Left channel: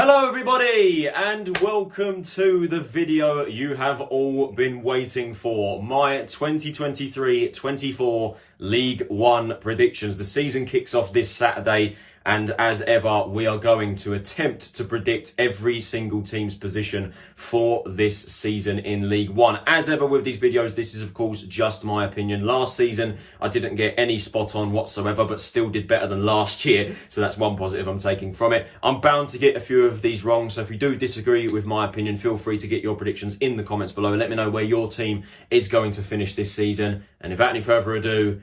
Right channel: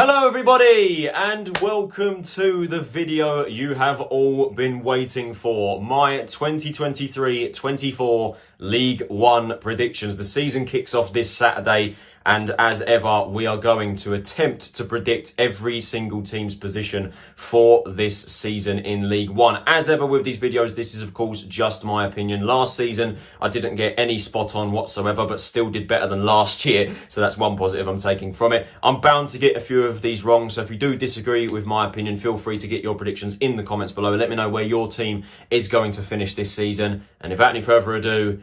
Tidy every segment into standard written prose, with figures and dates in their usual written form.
Hello everybody and welcome to the video you have all been waiting for. My 2023-24 League One predictions. The season kicks off this Saturday and as ever we are going to attempt to predict every single team's position for this season in League One. As ever with these videos, this is of course just my opinion. Last season I didn't get any spot on whatsoever, but still did better than last year, so that's one positive I'm taking from it. I'm bound to get a few of these wrong, so if you do disagree with my opinion, feel free to get your predictions in the comments below. Let me know where your team is going to finish this season, and without any further ado,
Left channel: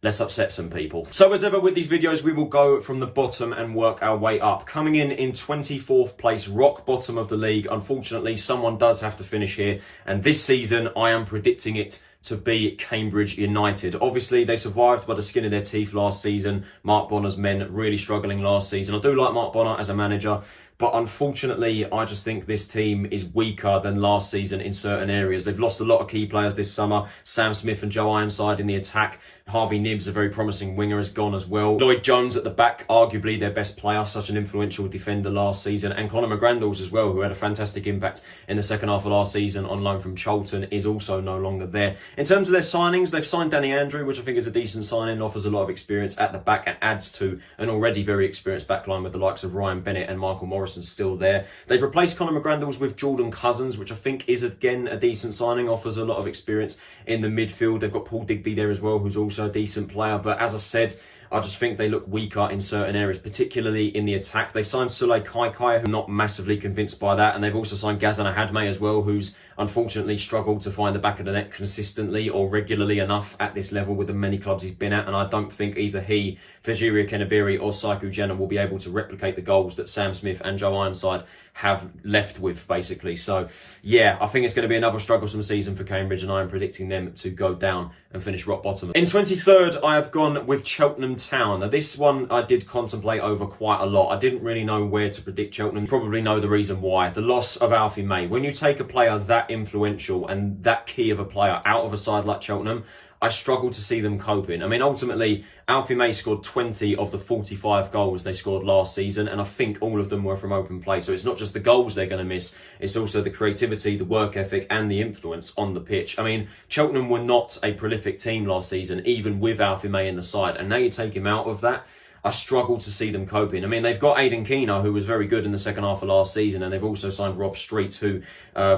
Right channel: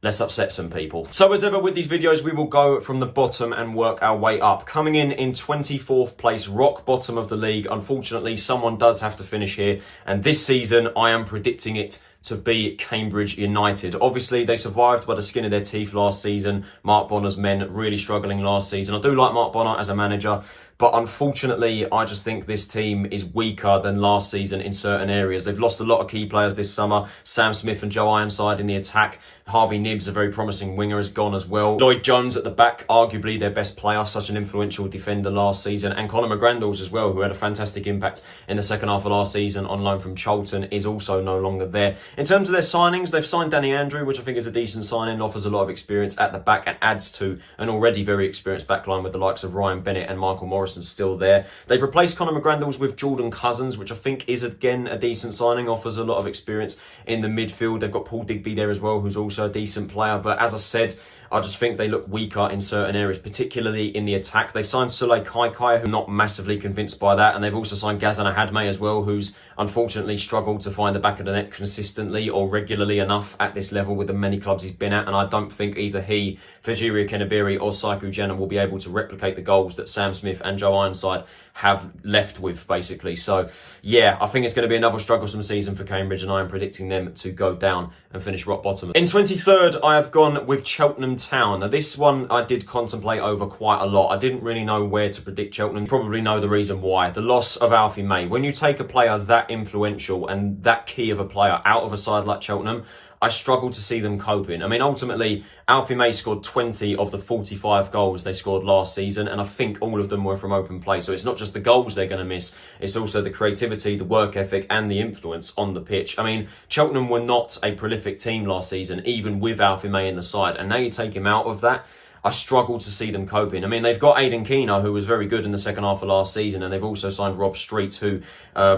let's upset some people. So as ever with these videos, we will go from the bottom and work our way up. Coming in 24th place, rock bottom of the league. Unfortunately, someone does have to finish here. And this season, I am predicting it to be Cambridge United. Obviously, they survived by the skin of their teeth last season. Mark Bonner's men really struggling last season. I do like Mark Bonner as a manager, but unfortunately, I just think this team is weaker than last season in certain areas. They've lost a lot of key players this summer. Sam Smith and Joe Ironside in the attack. Harvey Nibbs, a very promising winger, has gone as well. Lloyd Jones at the back, arguably their best player, such an influential defender last season. And Conor McGrandles as well, who had a fantastic impact in the second half of last season on loan from Charlton, is also no longer there. In terms of their signings, they've signed Danny Andrew, which I think is a decent signing, offers a lot of experience at the back and adds to an already very experienced backline with the likes of Ryan Bennett and Michael Morrison still there. They've replaced Conor McGrandles with Jordan Cousins, which I think is again a decent signing, offers a lot of experience in the midfield. They've got Paul Digby there as well, who's also a decent player, but as I said, I just think they look weaker in certain areas, particularly in the attack. They've signed Sule Kaikai, who I'm not massively convinced by that, and they've also signed Gazan Ahadme as well, who's unfortunately struggled to find the back of the net consistently or regularly enough at this level with the many clubs he's been at, and I don't think either he, Fajiria Kenabiri or Saiku Jenna will be able to replicate the goals that Sam Smith and Joe Ironside have left with, basically. So yeah, I think it's going to be another strugglesome season for Cambridge, and I am predicting them to go down and finish rock bottom. In 23rd, I have gone with Cheltenham Town. Now this one I did contemplate over quite a lot. I didn't really know where to predict Cheltenham. You probably know the reason why. The loss of Alfie May. When you take a player that influential and that key of a player out of a side like Cheltenham, I struggle to see them coping. I mean, ultimately, Alfie May scored 20 of the 45 goals they scored last season, and I think all of them were from open play. So it's not just the goals they're going to miss, it's also the creativity, the work ethic, and the influence on the pitch. I mean, Cheltenham were not a prolific team last season, even with Alfie May in the side, and now you take him out of that, I struggle to see them coping. I mean, they've got Aidan Keano, who was very good in the second half of last season, and they've also signed Rob Street, who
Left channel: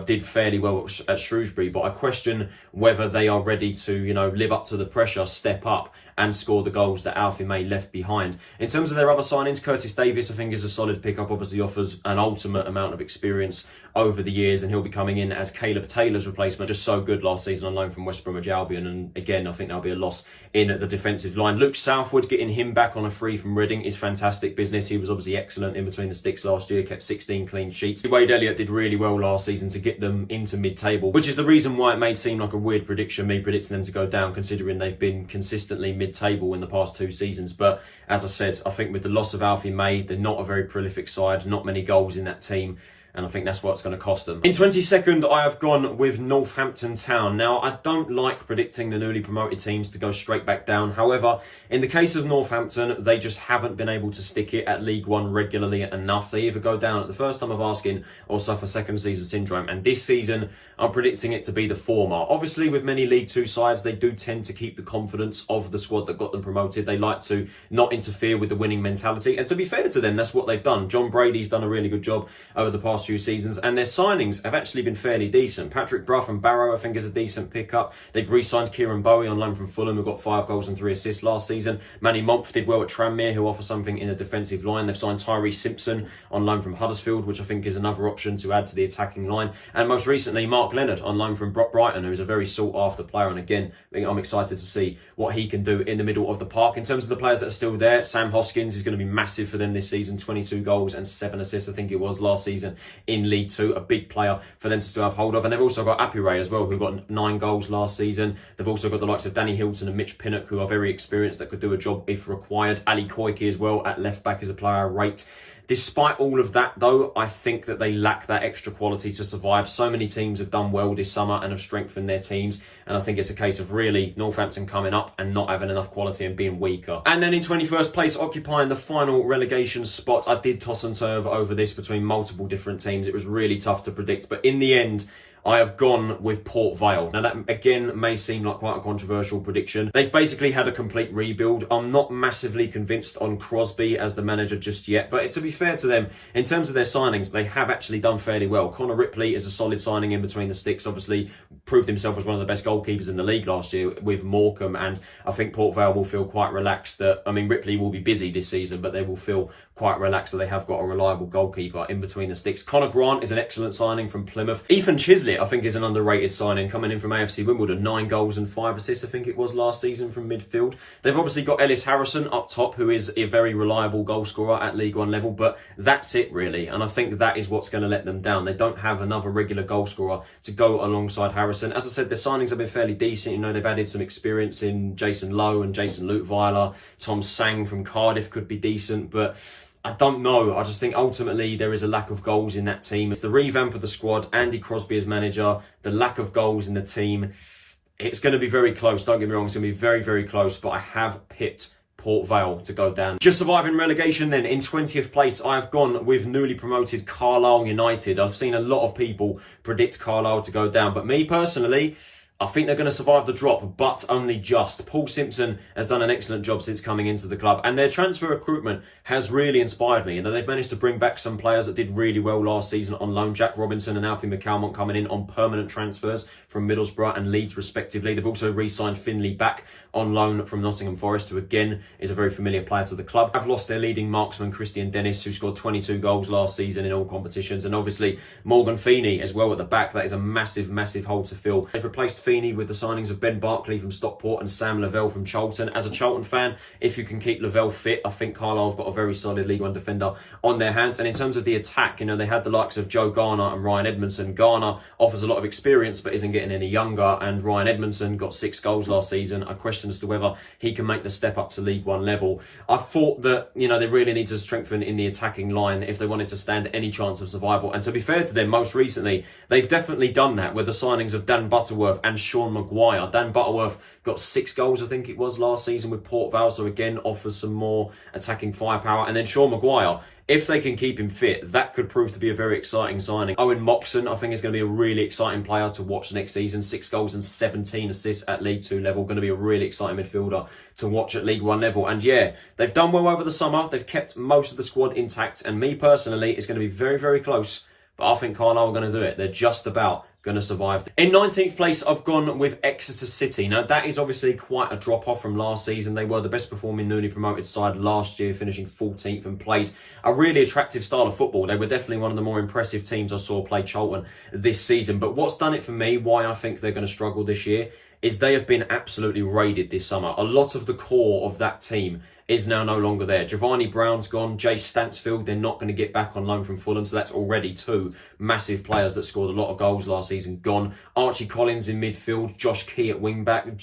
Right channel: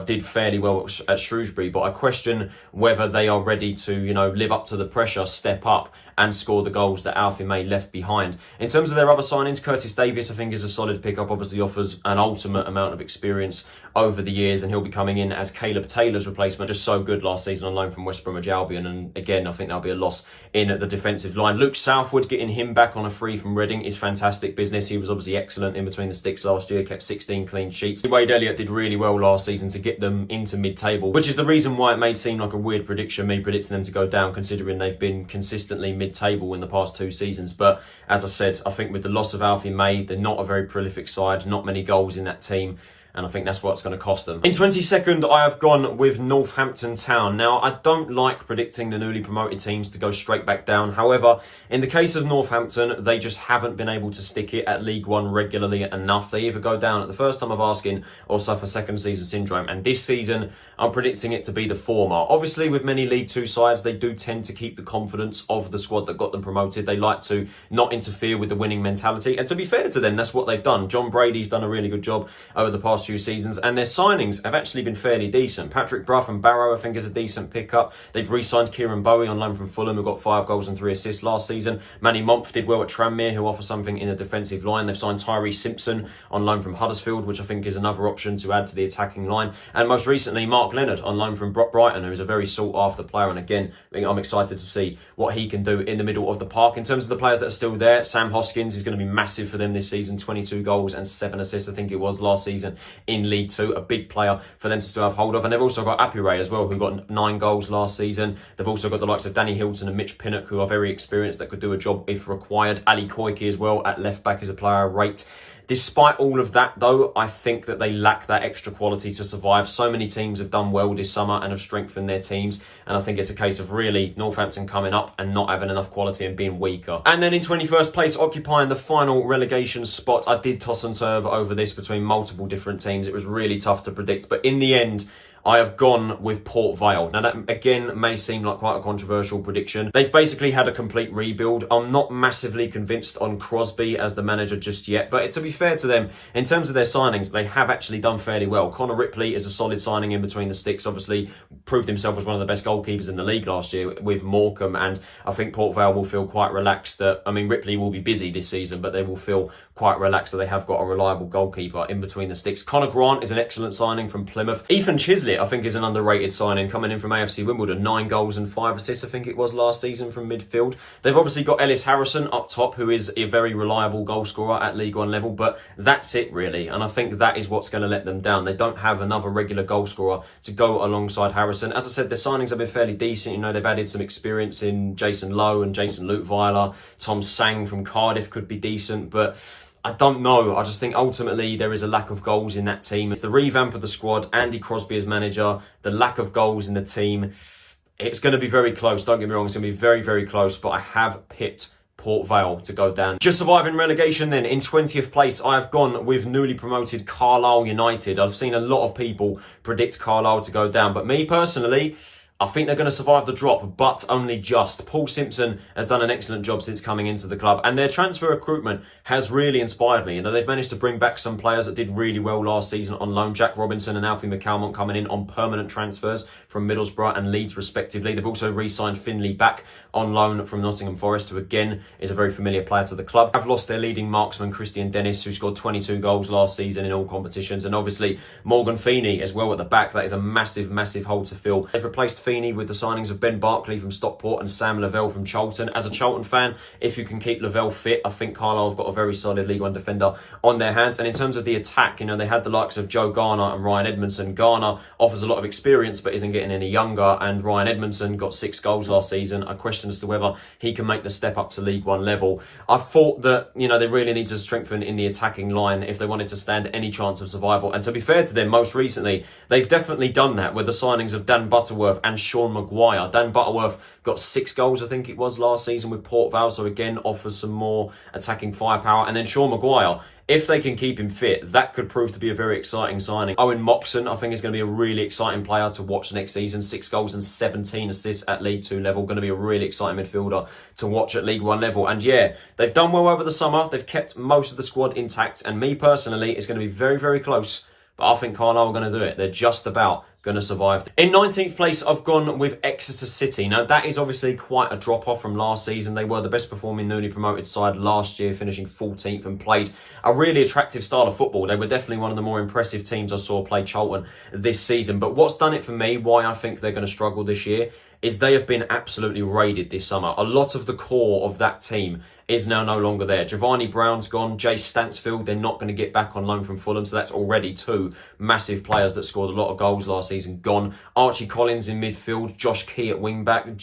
did fairly well at Shrewsbury. But I question whether they are ready to, live up to the pressure, step up, and score the goals that Alfie May left behind. In terms of their other signings, Curtis Davies, I think, is a solid pickup. Obviously offers an ultimate amount of experience over the years, and he'll be coming in as Caleb Taylor's replacement. Just so good last season on loan from West Bromwich Albion, and again, I think there'll be a loss in the defensive line. Luke Southwood, getting him back on a free from Reading is fantastic business. He was obviously excellent in between the sticks last year, kept 16 clean sheets. Wade Elliott did really well last season to get them into mid-table, which is the reason why it may seem like a weird prediction, me predicting them to go down, considering they've been consistently mid-table in the past two seasons. But as I said, I think with the loss of Alfie May, they're not a very prolific side, not many goals in that team, and I think that's what's going to cost them. In 22nd, I have gone with Northampton Town. Now, I don't like predicting the newly promoted teams to go straight back down. However, in the case of Northampton, they just haven't been able to stick it at League One regularly enough. They either go down at the first time of asking or suffer second season syndrome. And this season, I'm predicting it to be the former. Obviously, with many League Two sides, they do tend to keep the confidence of the squad that got them promoted. They like to not interfere with the winning mentality. And to be fair to them, that's what they've done. John Brady's done a really good job over the past few seasons, and their signings have actually been fairly decent. Patrick Brough and Barrow, I think, is a decent pickup. They've re-signed Kieran Bowie on loan from Fulham, who got 5 goals and 3 assists last season. Manny Momph did well at Tranmere, who offer something in the defensive line. They've signed Tyree Simpson on loan from Huddersfield, which I think is another option to add to the attacking line. And most recently, Mark Leonard on loan from Brighton, who is a very sought-after player. And again, I'm excited to see what he can do in the middle of the park. In terms of the players that are still there, Sam Hoskins is going to be massive for them this season. 22 goals and 7 assists, I think it was, last season in League Two. A big player for them to still have hold of. And they've also got Apure as well, who got 9 goals last season. They've also got the likes of Danny Hilton and Mitch Pinnock, who are very experienced, that could do a job if required. Ali Koike as well at left back is a player I rate. Despite all of that, though, I think that they lack that extra quality to survive. So many teams have done well this summer and have strengthened their teams. And I think it's a case of really Northampton coming up and not having enough quality and being weaker. And then in 21st place, occupying the final relegation spot, I did toss and turve over this between multiple different teams. It was really tough to predict. But in the end, I have gone with Port Vale. Now that again may seem like quite a controversial prediction. They've basically had a complete rebuild. I'm not massively convinced on Crosby as the manager just yet, but to be fair to them, in terms of their signings, they have actually done fairly well. Connor Ripley is a solid signing in between the sticks, obviously proved himself as one of the best goalkeepers in the league last year with Morecambe, and I think Port Vale will feel quite relaxed that, I mean, Ripley will be busy this season, but they will feel quite relaxed that they have got a reliable goalkeeper in between the sticks. Connor Grant is an excellent signing from Plymouth. Ethan Chislett, I think, is an underrated signing, coming in from AFC Wimbledon. 9 goals and 5 assists, I think it was, last season from midfield. They've obviously got Ellis Harrison up top, who is a very reliable goal scorer at League One level, but that's it really. And I think that is what's going to let them down. They don't have another regular goal scorer to go alongside Harrison. As I said, their signings have been fairly decent. You know, they've added some experience in Jason Lowe and Jason Luteweiler. Tom Sang from Cardiff could be decent, but I don't know. I just think ultimately there is a lack of goals in that team. It's the revamp of the squad, Andy Crosby as manager, the lack of goals in the team. It's going to be very close. Don't get me wrong. It's going to be very, very close, but I have picked Port Vale to go down. Just surviving relegation then. In 20th place, I have gone with newly promoted Carlisle United. I've seen a lot of people predict Carlisle to go down, but me personally, I think they're going to survive the drop, but only just. Paul Simpson has done an excellent job since coming into the club, and their transfer recruitment has really inspired me. You know, they've managed to bring back some players that did really well last season on loan. Jack Robinson and Alfie McCalmont coming in on permanent transfers from Middlesbrough and Leeds respectively. They've also re-signed Finley back on loan from Nottingham Forest, who again is a very familiar player to the club. Have lost their leading marksman Christian Dennis, who scored 22 goals last season in all competitions, and obviously Morgan Feeney as well at the back. That is a massive, massive hole to fill. They've replaced Feeney with the signings of Ben Barkley from Stockport and Sam Lavelle from Charlton. As a Charlton fan, if you can keep Lavelle fit, I think Carlisle have got a very solid League One defender on their hands. And in terms of the attack, you know, they had the likes of Joe Garner and Ryan Edmondson. Garner offers a lot of experience but isn't getting any younger, and Ryan Edmondson got 6 goals last season. I question as to whether he can make the step up to League One level. I thought that, you know, they really need to strengthen in the attacking line if they wanted to stand any chance of survival. And to be fair to them, most recently, they've definitely done that with the signings of Dan Butterworth and Sean Maguire. Dan Butterworth got 6 goals, I think it was, last season with Port Vale, so again offers some more attacking firepower. And then Sean Maguire, if they can keep him fit, that could prove to be a very exciting signing. Owen Moxon, I think, is going to be a really exciting player to watch next season. 6 goals and 17 assists at League 2 level. Going to be a really exciting midfielder to watch at League 1 level. And yeah, they've done well over the summer. They've kept most of the squad intact. And me personally, it's going to be very, very close. But I think Carlisle are going to do it. They're just about going to survive. In 19th place, I've gone with Exeter City. Now, that is obviously quite a drop-off from last season. They were the best performing newly promoted side last year, finishing 14th, and played a really attractive style of football. They were definitely one of the more impressive teams I saw play Charlton this season. But what's done it for me, why I think they're going to struggle this year, is they have been absolutely raided this summer. A lot of the core of that team is now no longer there. Giovanni Brown's gone. Jay Stansfield, they're not going to get back on loan from Fulham, so that's already 2 massive players that scored a lot of goals last season gone. Archie Collins in midfield, Josh Key at wing-back,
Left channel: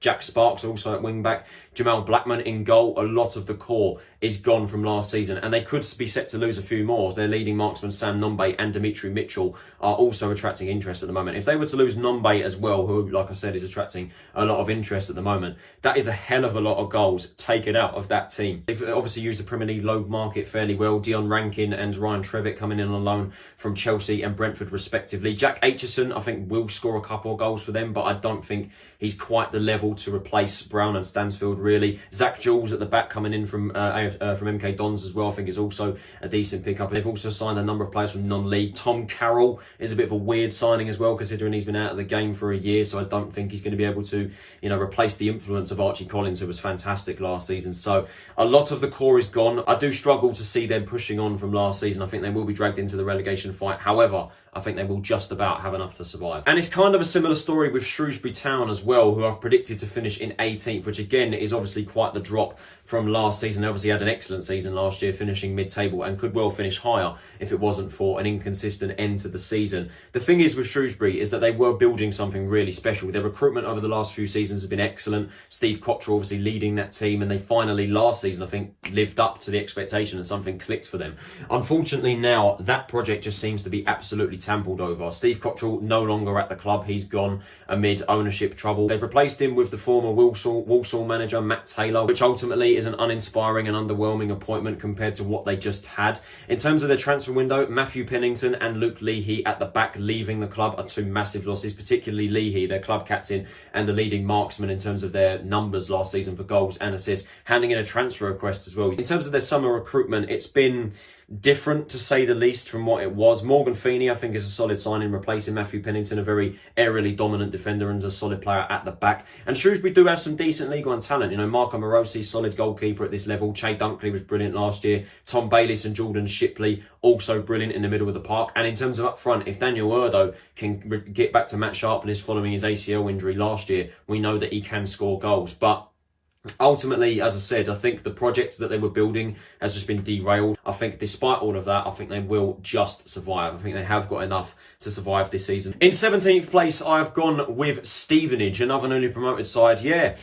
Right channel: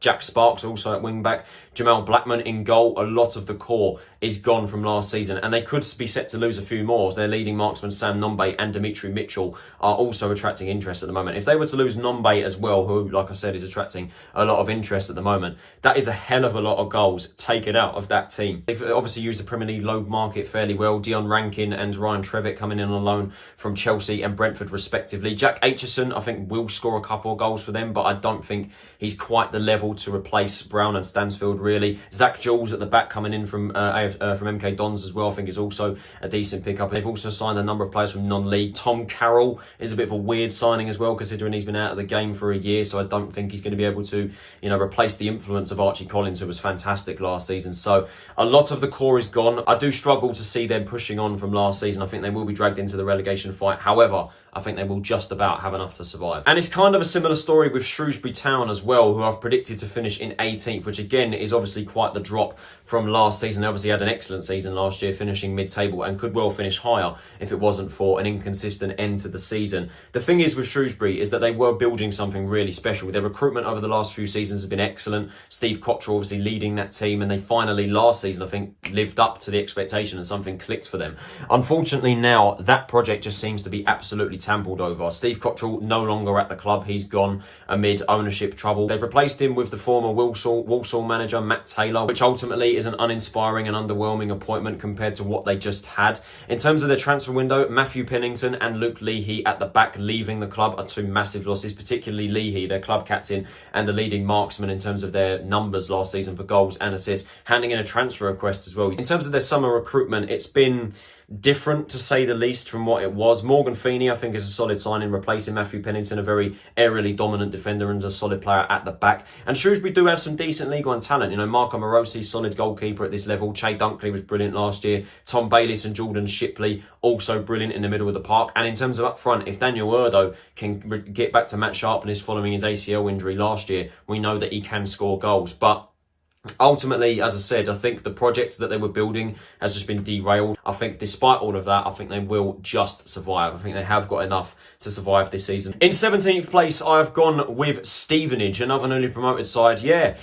Jack Sparks also at wing-back, Jamal Blackman in goal. A lot of the core is gone from last season, and they could be set to lose a few more. Their leading marksman Sam Nombe and Dimitri Mitchell are also attracting interest at the moment. If they were to lose Nombe as well, who, like I said, is attracting a lot of interest at the moment, that is a hell of a lot of goals taken out of that team. They've obviously used the Premier League loan market fairly well. Dion Rankin and Ryan Trevitt coming in on loan from Chelsea and Brentford respectively. Jack Aitchison, I think, will score a couple of goals for them, but I don't think he's quite the level to replace Brown and Stansfield, really. Zach Jules at the back coming in from MK Dons as well, I think, is also a decent pickup. They've also signed a number of players from non-league. Tom Carroll is a bit of a weird signing as well, considering he's been out of the game for a year, so I don't think he's going to be able to, you know, replace the influence of Archie Collins, who was fantastic last season. So a lot of the core is gone. I do struggle to see them pushing on from last season. I think they will be dragged into the relegation fight. However, I think they will just about have enough to survive. And it's kind of a similar story with Shrewsbury Town as well, who I've predicted to finish in 18th, which again is obviously quite the drop from last season. They obviously had an excellent season last year, finishing mid-table, and could well finish higher if it wasn't for an inconsistent end to the season. The thing is with Shrewsbury is that they were building something really special. Their recruitment over the last few seasons has been excellent. Steve Cottrell obviously leading that team, and they finally last season, I think, lived up to the expectation and something clicked for them. Unfortunately now, that project just seems to be absolutely trampled over. Steve Cottrell no longer at the club. He's gone amid ownership trouble. They've replaced him with the former Walsall manager, Matt Taylor, which ultimately is an uninspiring and underwhelming appointment compared to what they just had. In terms of their transfer window, Matthew Pennington and Luke Leahy at the back leaving the club are two massive losses, particularly Leahy, their club captain and the leading marksman in terms of their numbers last season for goals and assists, handing in a transfer request as well. In terms of their summer recruitment, it's been different to say the least from what it was. Morgan Feeney, I think, is a solid signing, replacing Matthew Pennington, a very aerially dominant defender and a solid player at the back. And Shrewsbury do have some decent League One talent. You know, Marco Morosi, solid goalkeeper at this level. Che Dunkley was brilliant last year. Tom Bayliss and Jordan Shipley, also brilliant in the middle of the park. And in terms of up front, if Daniel Urdo can get back to match sharpness following his ACL injury last year, we know that he can score goals. But ultimately, as I said, I think the project that they were building has just been derailed. I think despite all of that, I think they will just survive. I think they have got enough to survive this season. In 17th place, I've gone with Stevenage, another newly promoted side. Yeah,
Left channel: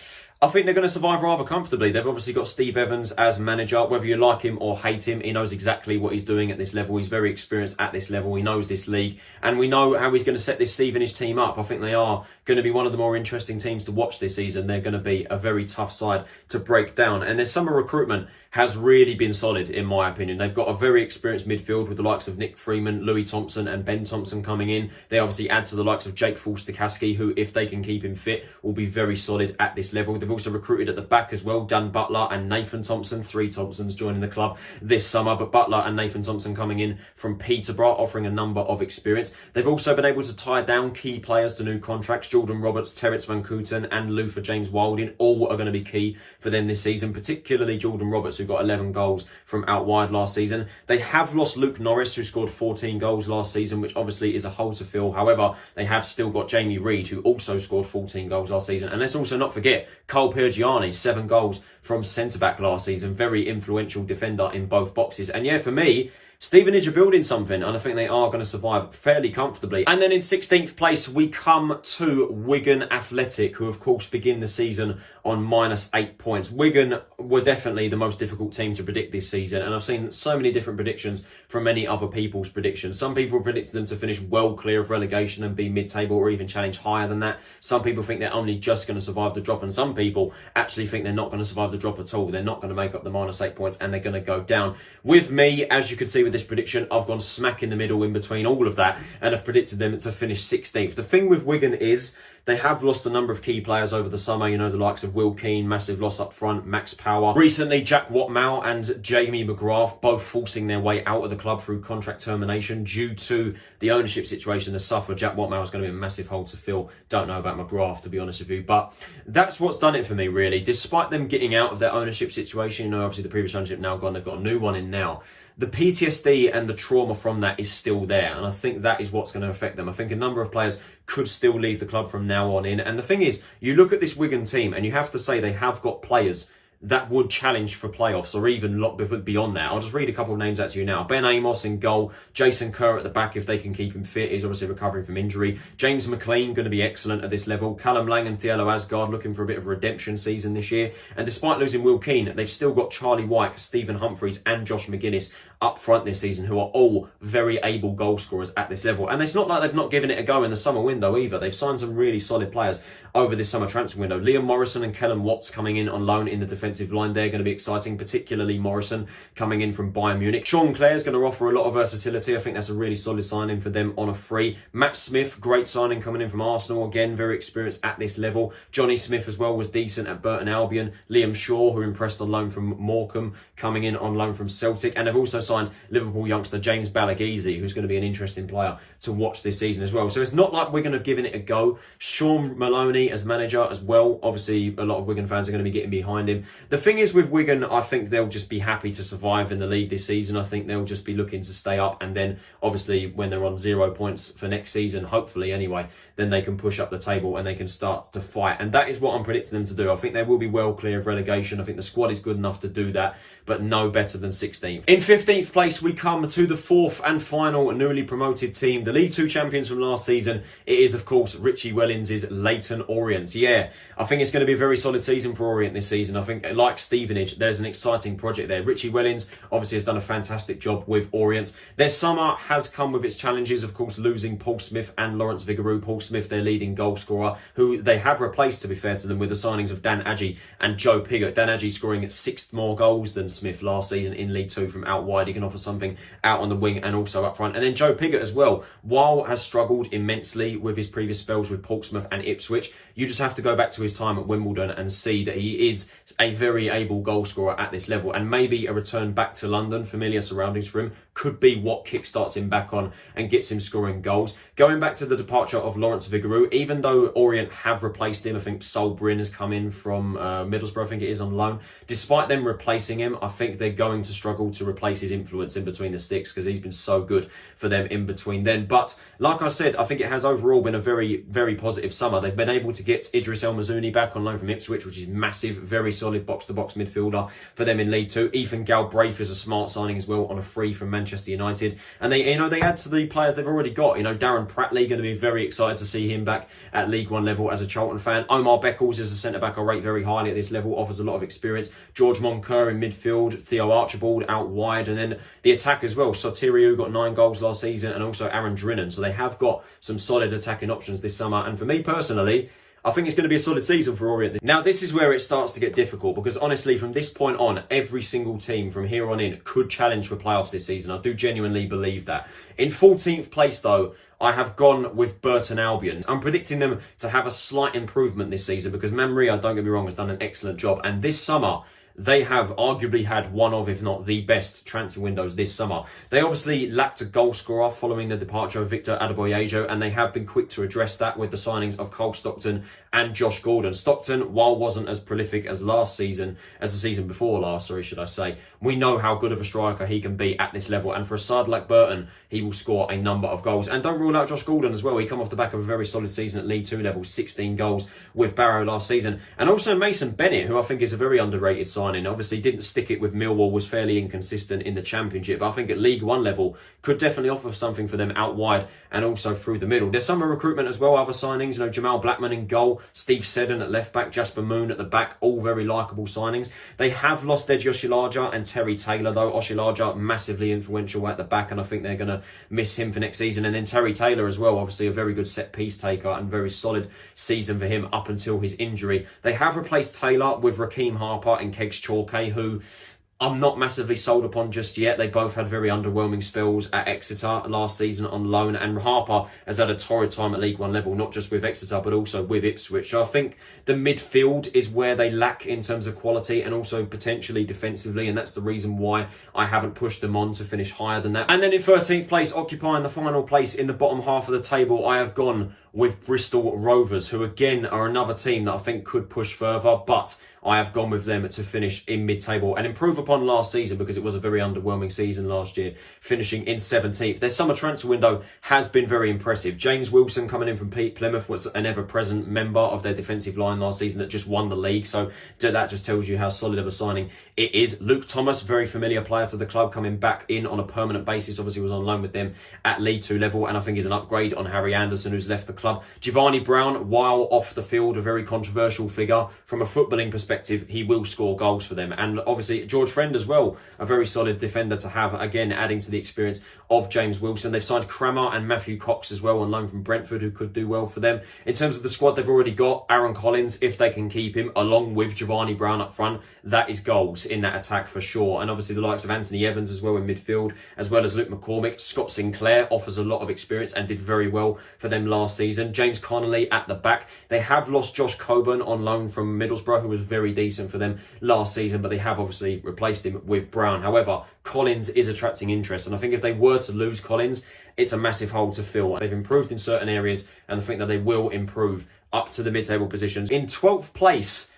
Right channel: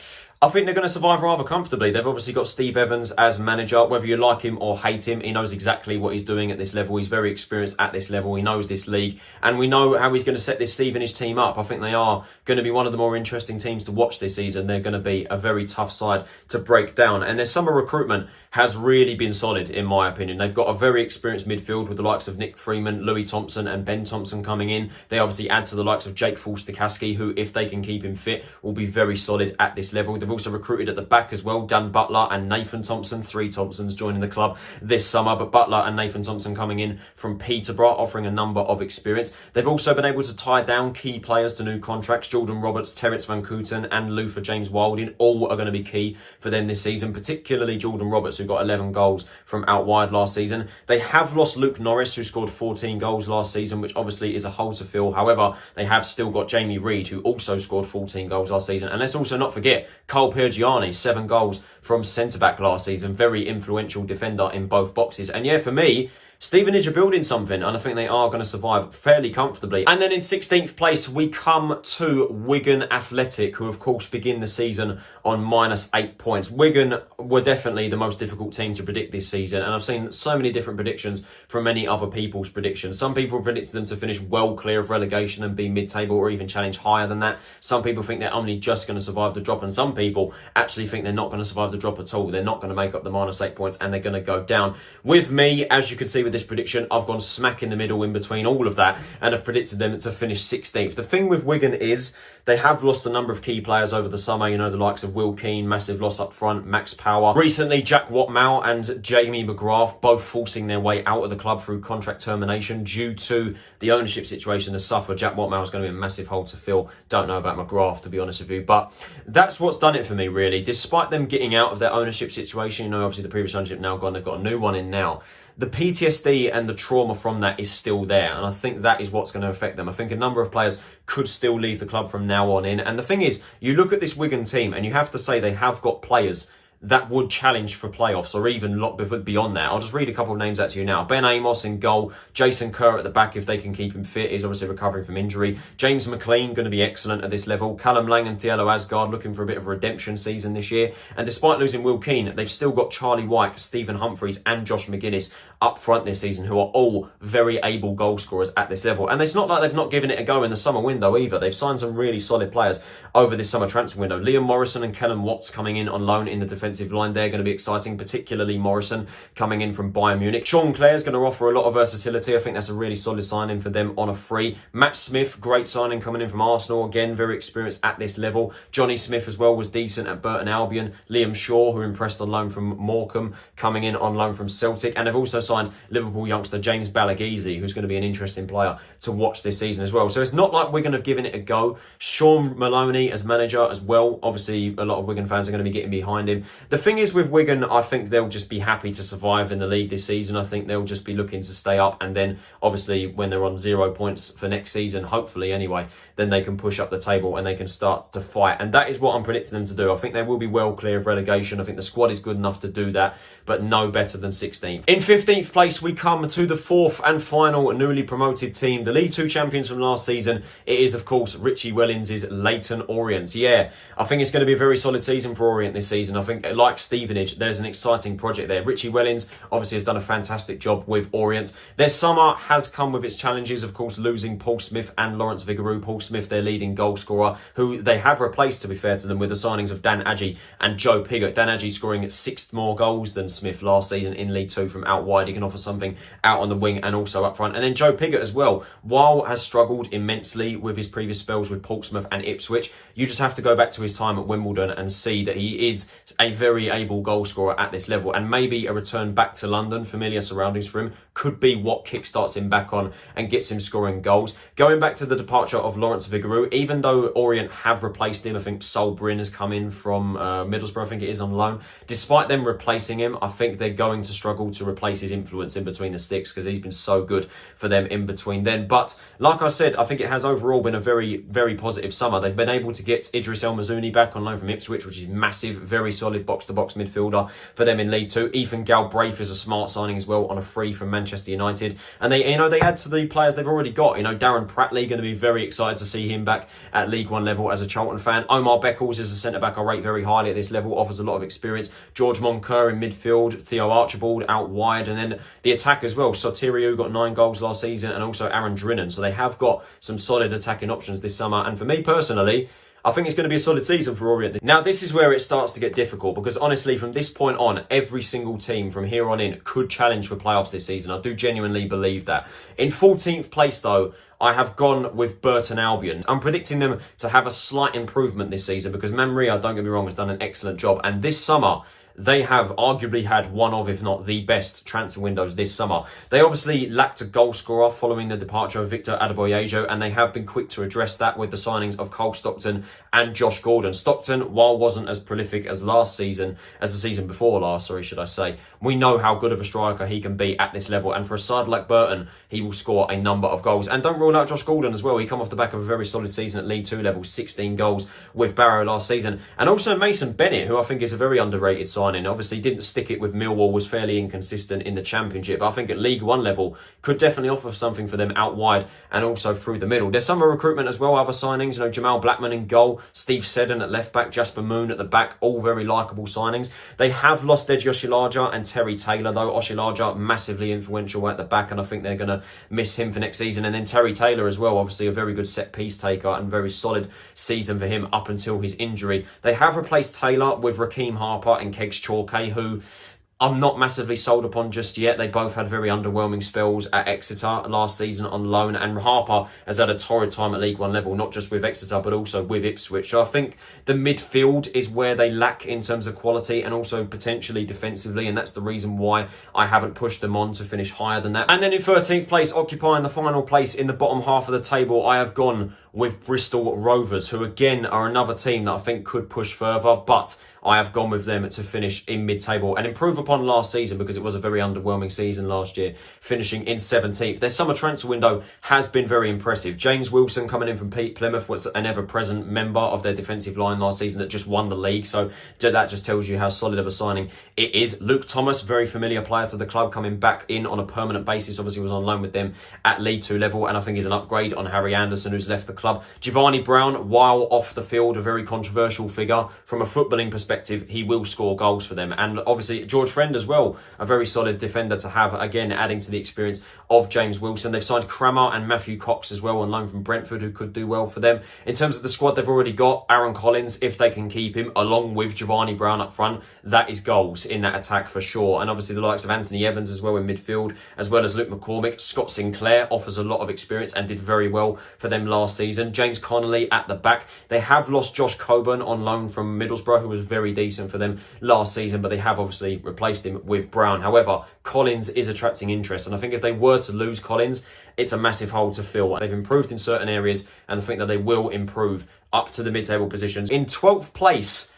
I think they're going to survive rather comfortably. They've obviously got Steve Evans as manager. Whether you like him or hate him, he knows exactly what he's doing at this level. He's very experienced at this level. He knows this league. And we know how he's going to set this Stevenage team up. I think they are going to be one of the more interesting teams to watch this season. They're going to be a very tough side to break down. And their summer recruitment has really been solid, in my opinion. They've got a very experienced midfield with the likes of Nick Freeman, Louis Thompson and Ben Thompson coming in. They obviously add to the likes of Jake Forster-Caskey, who, if they can keep him fit, will be very solid at this level. They've also recruited at the back as well, Dan Butler and Nathan Thompson. 3 Thompsons joining the club this summer, but Butler and Nathan Thompson coming in from Peterborough, offering a number of experience. They've also been able to tie down key players to new contracts. Jordan Roberts, Terence Van Kooten and Luther James Wilding, all are going to be key for them this season, particularly Jordan Roberts, who got 11 goals from out wide last season. They have lost Luke Norris, who scored 14 goals last season, which obviously is a hole to fill. However, they have still got Jamie Reid, who also scored 14 goals last season. And let's also not forget Carl Pergiani, 7 goals from centre-back last season. Very influential defender in both boxes. And yeah, for me, Stevenage are building something, and I think they are going to survive fairly comfortably. And then in 16th place, we come to Wigan Athletic, who of course begin the season on -8 points. Wigan were definitely the most difficult team to predict this season, and I've seen so many different predictions from many other people's predictions. Some people predicted them to finish well clear of relegation and be mid-table or even challenge higher than that. Some people think they're only just going to survive the drop, and some people actually think they're not going to survive the drop at all. They're not going to make up the -8 points, and they're going to go down. With me, as you can see with this prediction, I've gone smack in the middle in between all of that, and I've predicted them to finish 16th. The thing with Wigan is they have lost a number of key players over the summer. You know, the likes of Will Keane, massive loss up front, Max Power. Recently, Jack Watmow and Jamie McGrath, both forcing their way out of the club through contract termination due to the ownership situation they suffered. Jack Watmow is going to be a massive hole to fill. Don't know about McGrath, to be honest with you. But that's what's done it for me, really. Despite them getting out of their ownership situation, you know, obviously the previous ownership now gone, they've got a new one in now. The PTSD and the trauma from that is still there, and I think that is what's going to affect them. I think a number of players could still leave the club from now on in. And the thing is, you look at this Wigan team and you have to say they have got players that would challenge for playoffs or even a lot beyond that. I'll just read a couple of names out to you now. Ben Amos in goal. Jason Kerr at the back, if they can keep him fit. He's obviously recovering from injury. James McLean, going to be excellent at this level. Callum Lang and Thielo Asgard looking for a bit of a redemption season this year. And despite losing Will Keane, they've still got Charlie Wyke, Stephen Humphreys and Josh McGuinness up front this season, who are all very able goal scorers at this level. And it's not like they've not given it a go in the summer window either. They've signed some really solid players over this summer transfer window. Liam Morrison and Kellen Watts coming in on loan in the defensive line. They're going to be exciting, particularly Morrison coming in from Bayern Munich. Sean Clare's going to offer a lot of versatility. I think that's a really solid signing for them on a free. Matt Smith, great signing coming in from Arsenal. Again, very experienced at this level. Johnny Smith as well was decent at Burton Albion. Liam Shaw, who impressed on loan from Morecambe, coming in on loan from Celtic. And they've also signed Liverpool youngster James Balagizi, who's going to be an interesting player to watch this season as well. So it's not like Wigan have given it a go. Sean Maloney as manager as well. Obviously, a lot of Wigan fans are going to be getting behind him. The thing is with Wigan, I think they'll just be happy to survive in the league this season. I think they'll just be looking to stay up, and then obviously when they're on 0 points for next season, hopefully anyway, then they can push up the table and they can start to fight. And that is what I'm predicting them to do. I think they will be well clear of relegation. I think the squad is good enough to do that, but no better than 16th. In 15th place, we come to the fourth and final newly promoted team, the League Two champions from last season. It is, of course, Richie Wellens' Leyton Orient. Yeah, I think it's going to be a very solid season for Orient this season. I think, like Stevenage, there's an exciting project there. Richie Wellens obviously has done a fantastic job with Orient. Their summer has come with its challenges, of course, losing Paul Smith and Lawrence Vigouroux. Paul Smith, their leading goal scorer, who they have replaced, to be fair to them, with the signings of Dan Adjei and Joe Pigott. Dan Adjei scoring 6 more goals than Smith last season in League Two from out wide. He can offer something out on the wing and also up front. And then Joe Pigott as well, while has struggled immensely with his previous spells with Portsmouth and Ipswich, you just have to go back to his time at Wimbledon and see that he is a very able goal scorer at this level. And maybe a return back to London, familiar surroundings for him, could be what kickstarts him back on and gets him scoring goals. Going back to the departure of Lawrence Vigouroux, even though Orient have replaced him, I think Sol Bryn has come in from Middlesbrough, I think it is, on loan. Despite them replacing him, I think they're going to struggle to replace his influence in between the sticks, because he's been so good for them in between then. But like I said, I think it has overall been a very, very positive summer. They've been able to get Idris El Mazouni back on loan from Ipswich, which is massive, very solid box-to-box midfielder for them in League Two. Ethan Galbraith is a smart signing as well on a free from Manchester United. And they add to the players they've already got. Darren Pratley, going to be very excited to see him back at League One level as a Charlton fan. Omar Beckles is a centre-back I rate very highly at this level, offers a lot of experience. George Moncur in midfield, Theo Archibald out wide, and then the attack as well. Sotiriou got 9 goals last season, and also Aaron Drinan. So they have got some solid attacking options this summer. And for me personally, I think it's going to be a solid season for Orient. Now, this is where it starts to get difficult, because honestly, from this point on, every single team from here on in could challenge for playoffs this season. I do genuinely believe that. In 14th place, though, I have gone with Burton Albion. I'm predicting them to have a slight improvement this season, because Mamria, don't get me wrong, has done an excellent job. And this summer, they have arguably had one of, if not the best, transfer windows this summer. They obviously lacked a goal scorer following the departure of Victor Adeboyejo, and they have been quick to address that with the signings of Cole Stockton and Josh Gordon. Stockton, while wasn't as prolific as the season before last, should I say, we know how good of a striker he can be at this level. And for a side like Burton, he will score a number of goals. And don't rule out Josh Gordon as well. He come off the back of a very solid season at League Two level, 16 goals with Barrow last season. And also Mason Bennett, who I think is a very underrated signing. Obviously didn't stick it with Millwall, was fairly inconsistent in the Championship, but I think at League One level could definitely offer something for them out wide and also through the middle. There's summer recruitment as well, other signings, Jamal Blackman in goal, Steve Seddon at left back, Jasper Moon at the back, all very likeable signings. They have lost Edge Oshilaja and Terry Taylor though. Oshilaja massively influential at the back, and I think they're going to miss him for next season. And then Terry Taylor as well, obviously a very good set piece taker and very solid season for him up until his injury. They have replaced Taylor with Raheem Harper and Kegs Chalke, who I'm not massively sold upon just yet. They both had very underwhelming spells at Exeter last season on loan, and Harper has had a torrid time at League One level, not just with Exeter but also with Ipswich. So I think the midfield is where they lack in terms of quality and also potentially defensively, and that's the reason why I haven't pushed them on to finish higher than that. And then in 13th place, occupying the final place in the bottom half of the table, I have gone with Bristol Rovers, who again are another team that I think could push further, but I have gone with them to finish in mid-table and improve upon last season, because it was a very underwhelming season last year, finishing in 17th. Their summer transfer window has been very impressive. James Wilson coming in from Plymouth was an ever-present member of their defensive line last season that just won the league, so that just tells you how solid of a signing it is. Luke Thomas, very familiar player to the club, coming back in on a permanent basis, obviously was on loan with them at League Two level, and I think is an upgrade on Harry Anderson, who's left the club. Giovanni Brown, while off the field, a very controversial figure. From a footballing perspective, he will score goals for them. And obviously George Friend as well, a very solid defender to have, again adding to the experience of James Wilson. They've signed Crammer and Matthew Cox as well on loan from Brentford, who could do well for them. In terms of the squad, they've already got Aaron Collins, if they can keep him, along with Giovanni Brown up front. That is goals in that attack for sure. And obviously the likes of Anthony Evans as well in midfield, as well as Luke McCormick. Scott Sinclair offers a lot of experience and did very well for them last season. James Connolly at the back. They have lost Josh Coburn on loan from Middlesbrough, who was very decent for them last season, but they have obviously replaced him with Brown. However, Collins is attracting interest, and I think if they were to lose Collins, it's a massive hole to fill. They've improved in certain areas, and I think that they will improve up to the mid-table positions. In 12th place,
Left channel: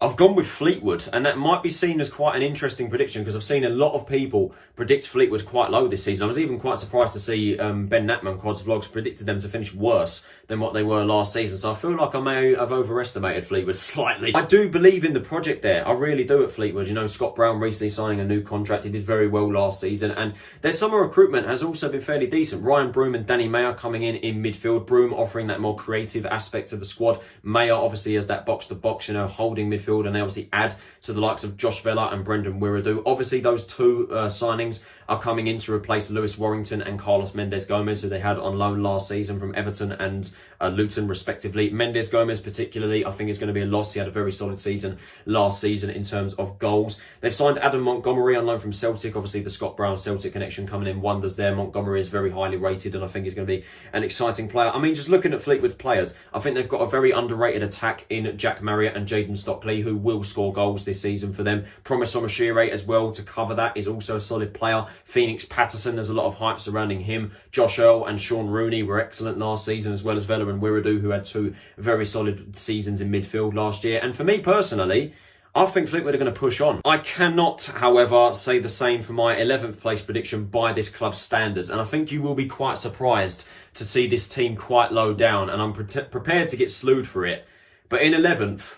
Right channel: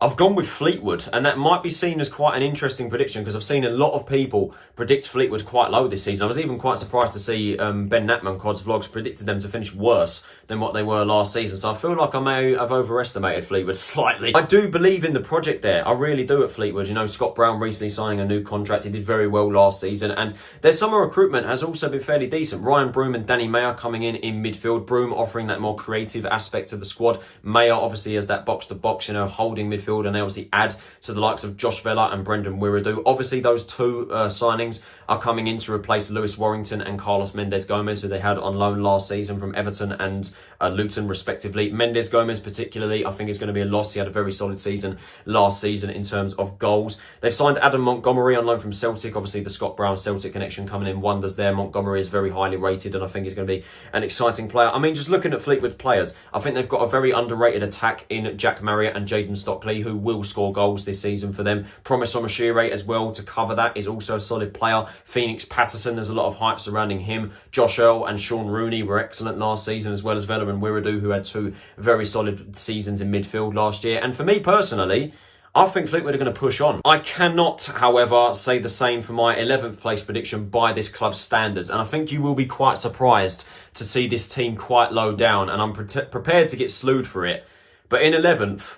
I've gone with Fleetwood, and that might be seen as quite an interesting prediction because I've seen a lot of people predict Fleetwood quite low this season. I was even quite surprised to see Ben Natman, Cod's Vlogs, predicted them to finish worse than what they were last season. So I feel like I may have overestimated Fleetwood slightly. I do believe in the project there. I really do at Fleetwood. You know, Scott Brown recently signing a new contract. He did very well last season. And their summer recruitment has also been fairly decent. Ryan Broom and Danny Mayer coming in midfield. Broom offering that more creative aspect to the squad. Mayer obviously as that box-to-box, you know, holding midfield. And they obviously add to the likes of Josh Vella and Brendan Wiradu. Obviously, those two signings are coming in to replace Lewis Warrington and Carlos Mendes-Gomez, who they had on loan last season from Everton and Luton, respectively. Mendes-Gomez, particularly, I think is going to be a loss. He had a very solid season last season in terms of goals. They've signed Adam Montgomery on loan from Celtic. Obviously, the Scott Brown Celtic connection coming in wonders there. Montgomery is very highly rated, and I think he's going to be an exciting player. I mean, just looking at Fleetwood's players, I think they've got a very underrated attack in Jack Marriott and Jayden Stockley, who will score goals this season for them. Promise Omashire as well to cover that is also a solid player. Phoenix Patterson, there's a lot of hype surrounding him. Josh Earl and Sean Rooney were excellent last season, as well as Vela and Wiradu, who had two very solid seasons in midfield last year. And for me personally, I think Fleetwood are going to push on. I cannot, however, say the same for my 11th place prediction by this club's standards. And I think you will be quite surprised to see this team quite low down. And I'm prepared to get slewed for it. But in 11th,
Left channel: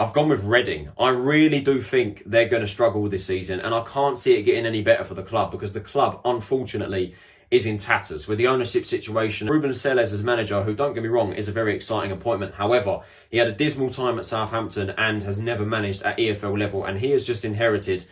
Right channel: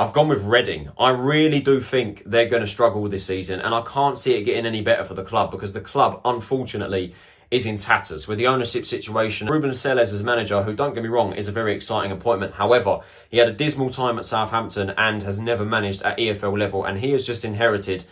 I've gone with Reading. I really do think they're going to struggle this season, and I can't see it getting any better for the club because the club, unfortunately, is in tatters with the ownership situation. Ruben Selles as manager, who, don't get me wrong, is a very exciting appointment. However, he had a dismal time at Southampton and has never managed at EFL level, and he has just inherited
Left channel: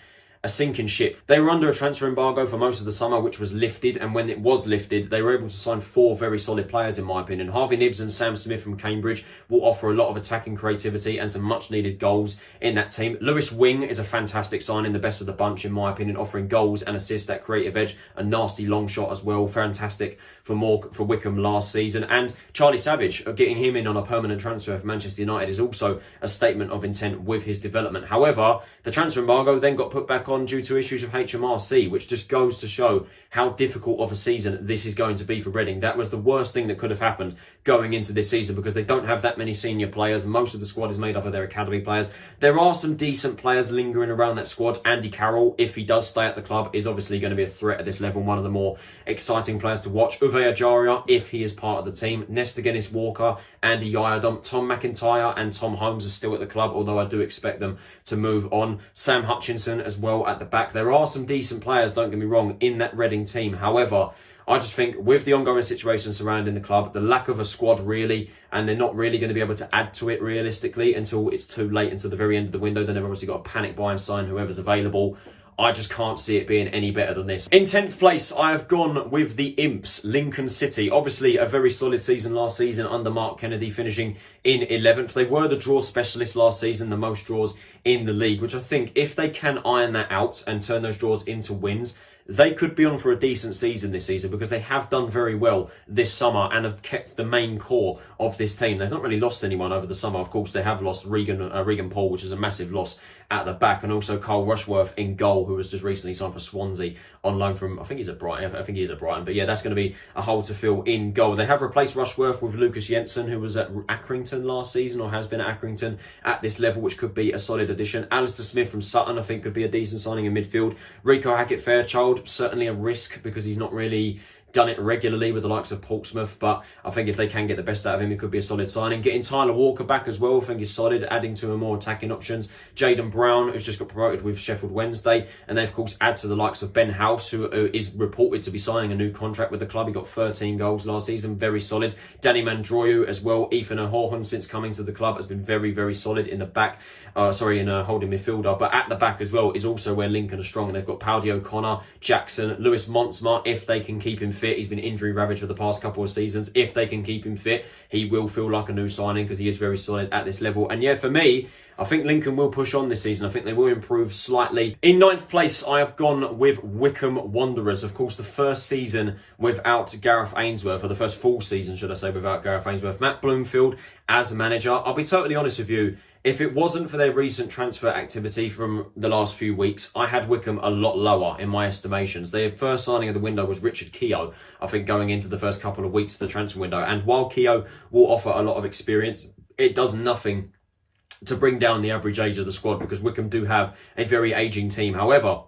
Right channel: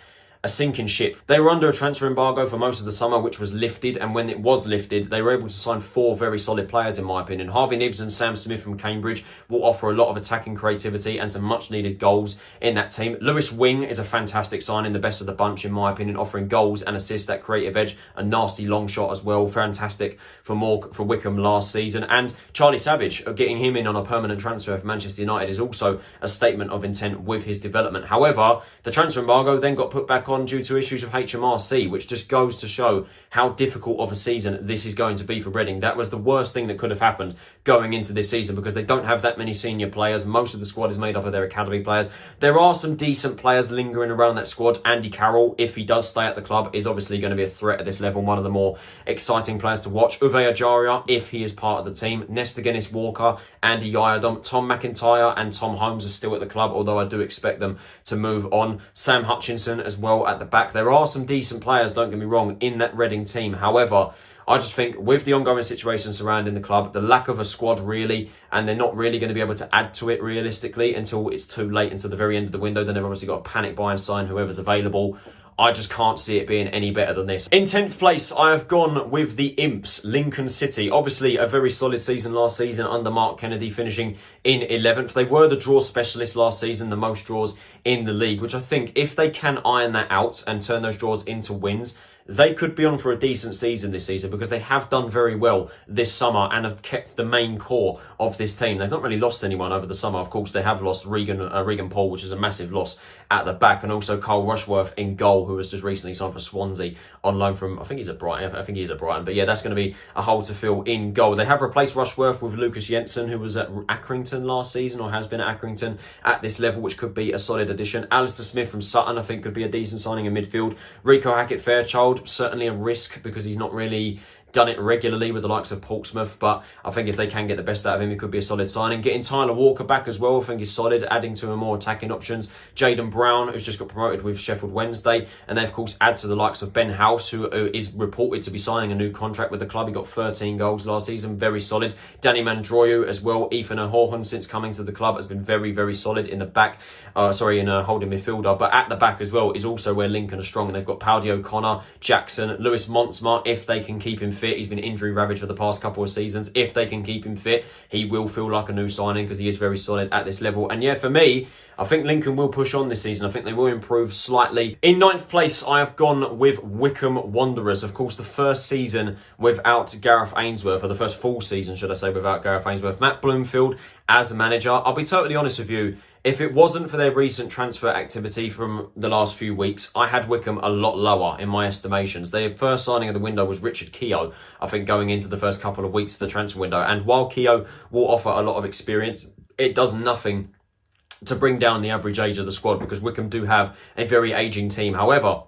a sinking ship. They were under a transfer embargo for most of the summer, which was lifted, and when it was lifted, they were able to sign 4 very solid players, in my opinion. Harvey Nibbs and Sam Smith from Cambridge will offer a lot of attacking creativity and some much-needed goals in that team. Lewis Wing is a fantastic signing, the best of the bunch, in my opinion, offering goals and assists, that creative edge, a nasty long shot as well. Fantastic for Wycombe last season. And Charlie Savage, getting him in on a permanent transfer for Manchester United is also a statement of intent with his development. However, the transfer embargo then got put back on due to issues of HMRC, which just goes to show how difficult of a season this is going to be for Reading. That was the worst thing that could have happened going into this season because they don't have that many senior players. Most of the squad is made up of their academy players. There are some decent players lingering around that squad. Andy Carroll, if he does stay at the club, is obviously going to be a threat at this level, one of the more exciting players to watch. Uwe Ajaria, if he is part of the team. Nesta Guinness-Walker, Andy Yadom, Tom McIntyre and Tom Holmes are still at the club, although I do expect them to move on. Sam Hutchinson as well at the back. There are some decent players, don't get me wrong, in that Reading team. However, I just think with the ongoing situation surrounding the club, the lack of a squad really, and they're not really going to be able to add to it realistically until it's too late, until the very end of the window. Then they've obviously got to panic buy and sign whoever's available. I just can't see it being any better than this. In 10th place, I have gone with the Imps, Lincoln City. Obviously, a very solid season last season under Mark Kennedy, finishing in 11th. They were the draw specialists last season, the most draws in the league, which I think if they can iron that out and turn those draws into wins, they could be on for a decent season this season because they have done very well this summer and have kept the main core of this team. They've not really lost anyone over the summer. Of course, they have lost Regan Paul, which is a massive loss at the back, and also Carl Rushworth in goal, who was just recently signed for Swansea on loan from, I think he's at Brighton. I think he is at Brighton. But yeah, that's going to be a hole to fill in goal. They have replaced Rushworth with Lucas Jensen, who was at Accrington last season, or has been at Accrington at this level, which could be a solid addition. Alistair Smith from Sutton, I think, could be a decent signing in midfield. Rico Hackett-Fairchild, certainly a risk because he's not really done it regularly with the likes of Portsmouth, but I think if they can get the best out of him, it could be a solid signing. Getting Tyler Walker back as well, I think is solid, adding to a more attacking options. Jayden Brown, who's just got promoted with Sheffield Wednesday, and they of course add to the likes of Ben House, who is reported to be signing a new contract with the club. He got 13 goals last season, very solid. Danny Mandroyu as well. Ethan O'Horan, since coming to the club, has been very, very solid in the back. In a holding midfielder, but at the back as well is also where Lincoln are strong. And they've got Powdy O'Connor, Jackson, Lewis Montsma. If they can keep him fit, he's been injury ravaged for the past couple of seasons. If they can keep him fit, he will feel like a new signing because he is very solid at this level. And yeah, for me, I think Lincoln will push on this season. I think they will improve slightly. In 9th place, I have gone with Wycombe Wanderers. Of course, the first season without Gareth Ainsworth, or the first full season, should I say, without Gareth Ainsworth. Matt Bloomfield as manager. I'll be totally honest with you. If it wasn't for their recent transfer activity from the last few weeks, I had Wycombe a lot lower in my estimations. Their first signing of the window was Richard Keogh, I think, going into the first couple of weeks of the transfer window. And while Keogh will offer a lot of experience, it does nothing to bring down the average age of the squad because Wycombe do have a very ageing team. However,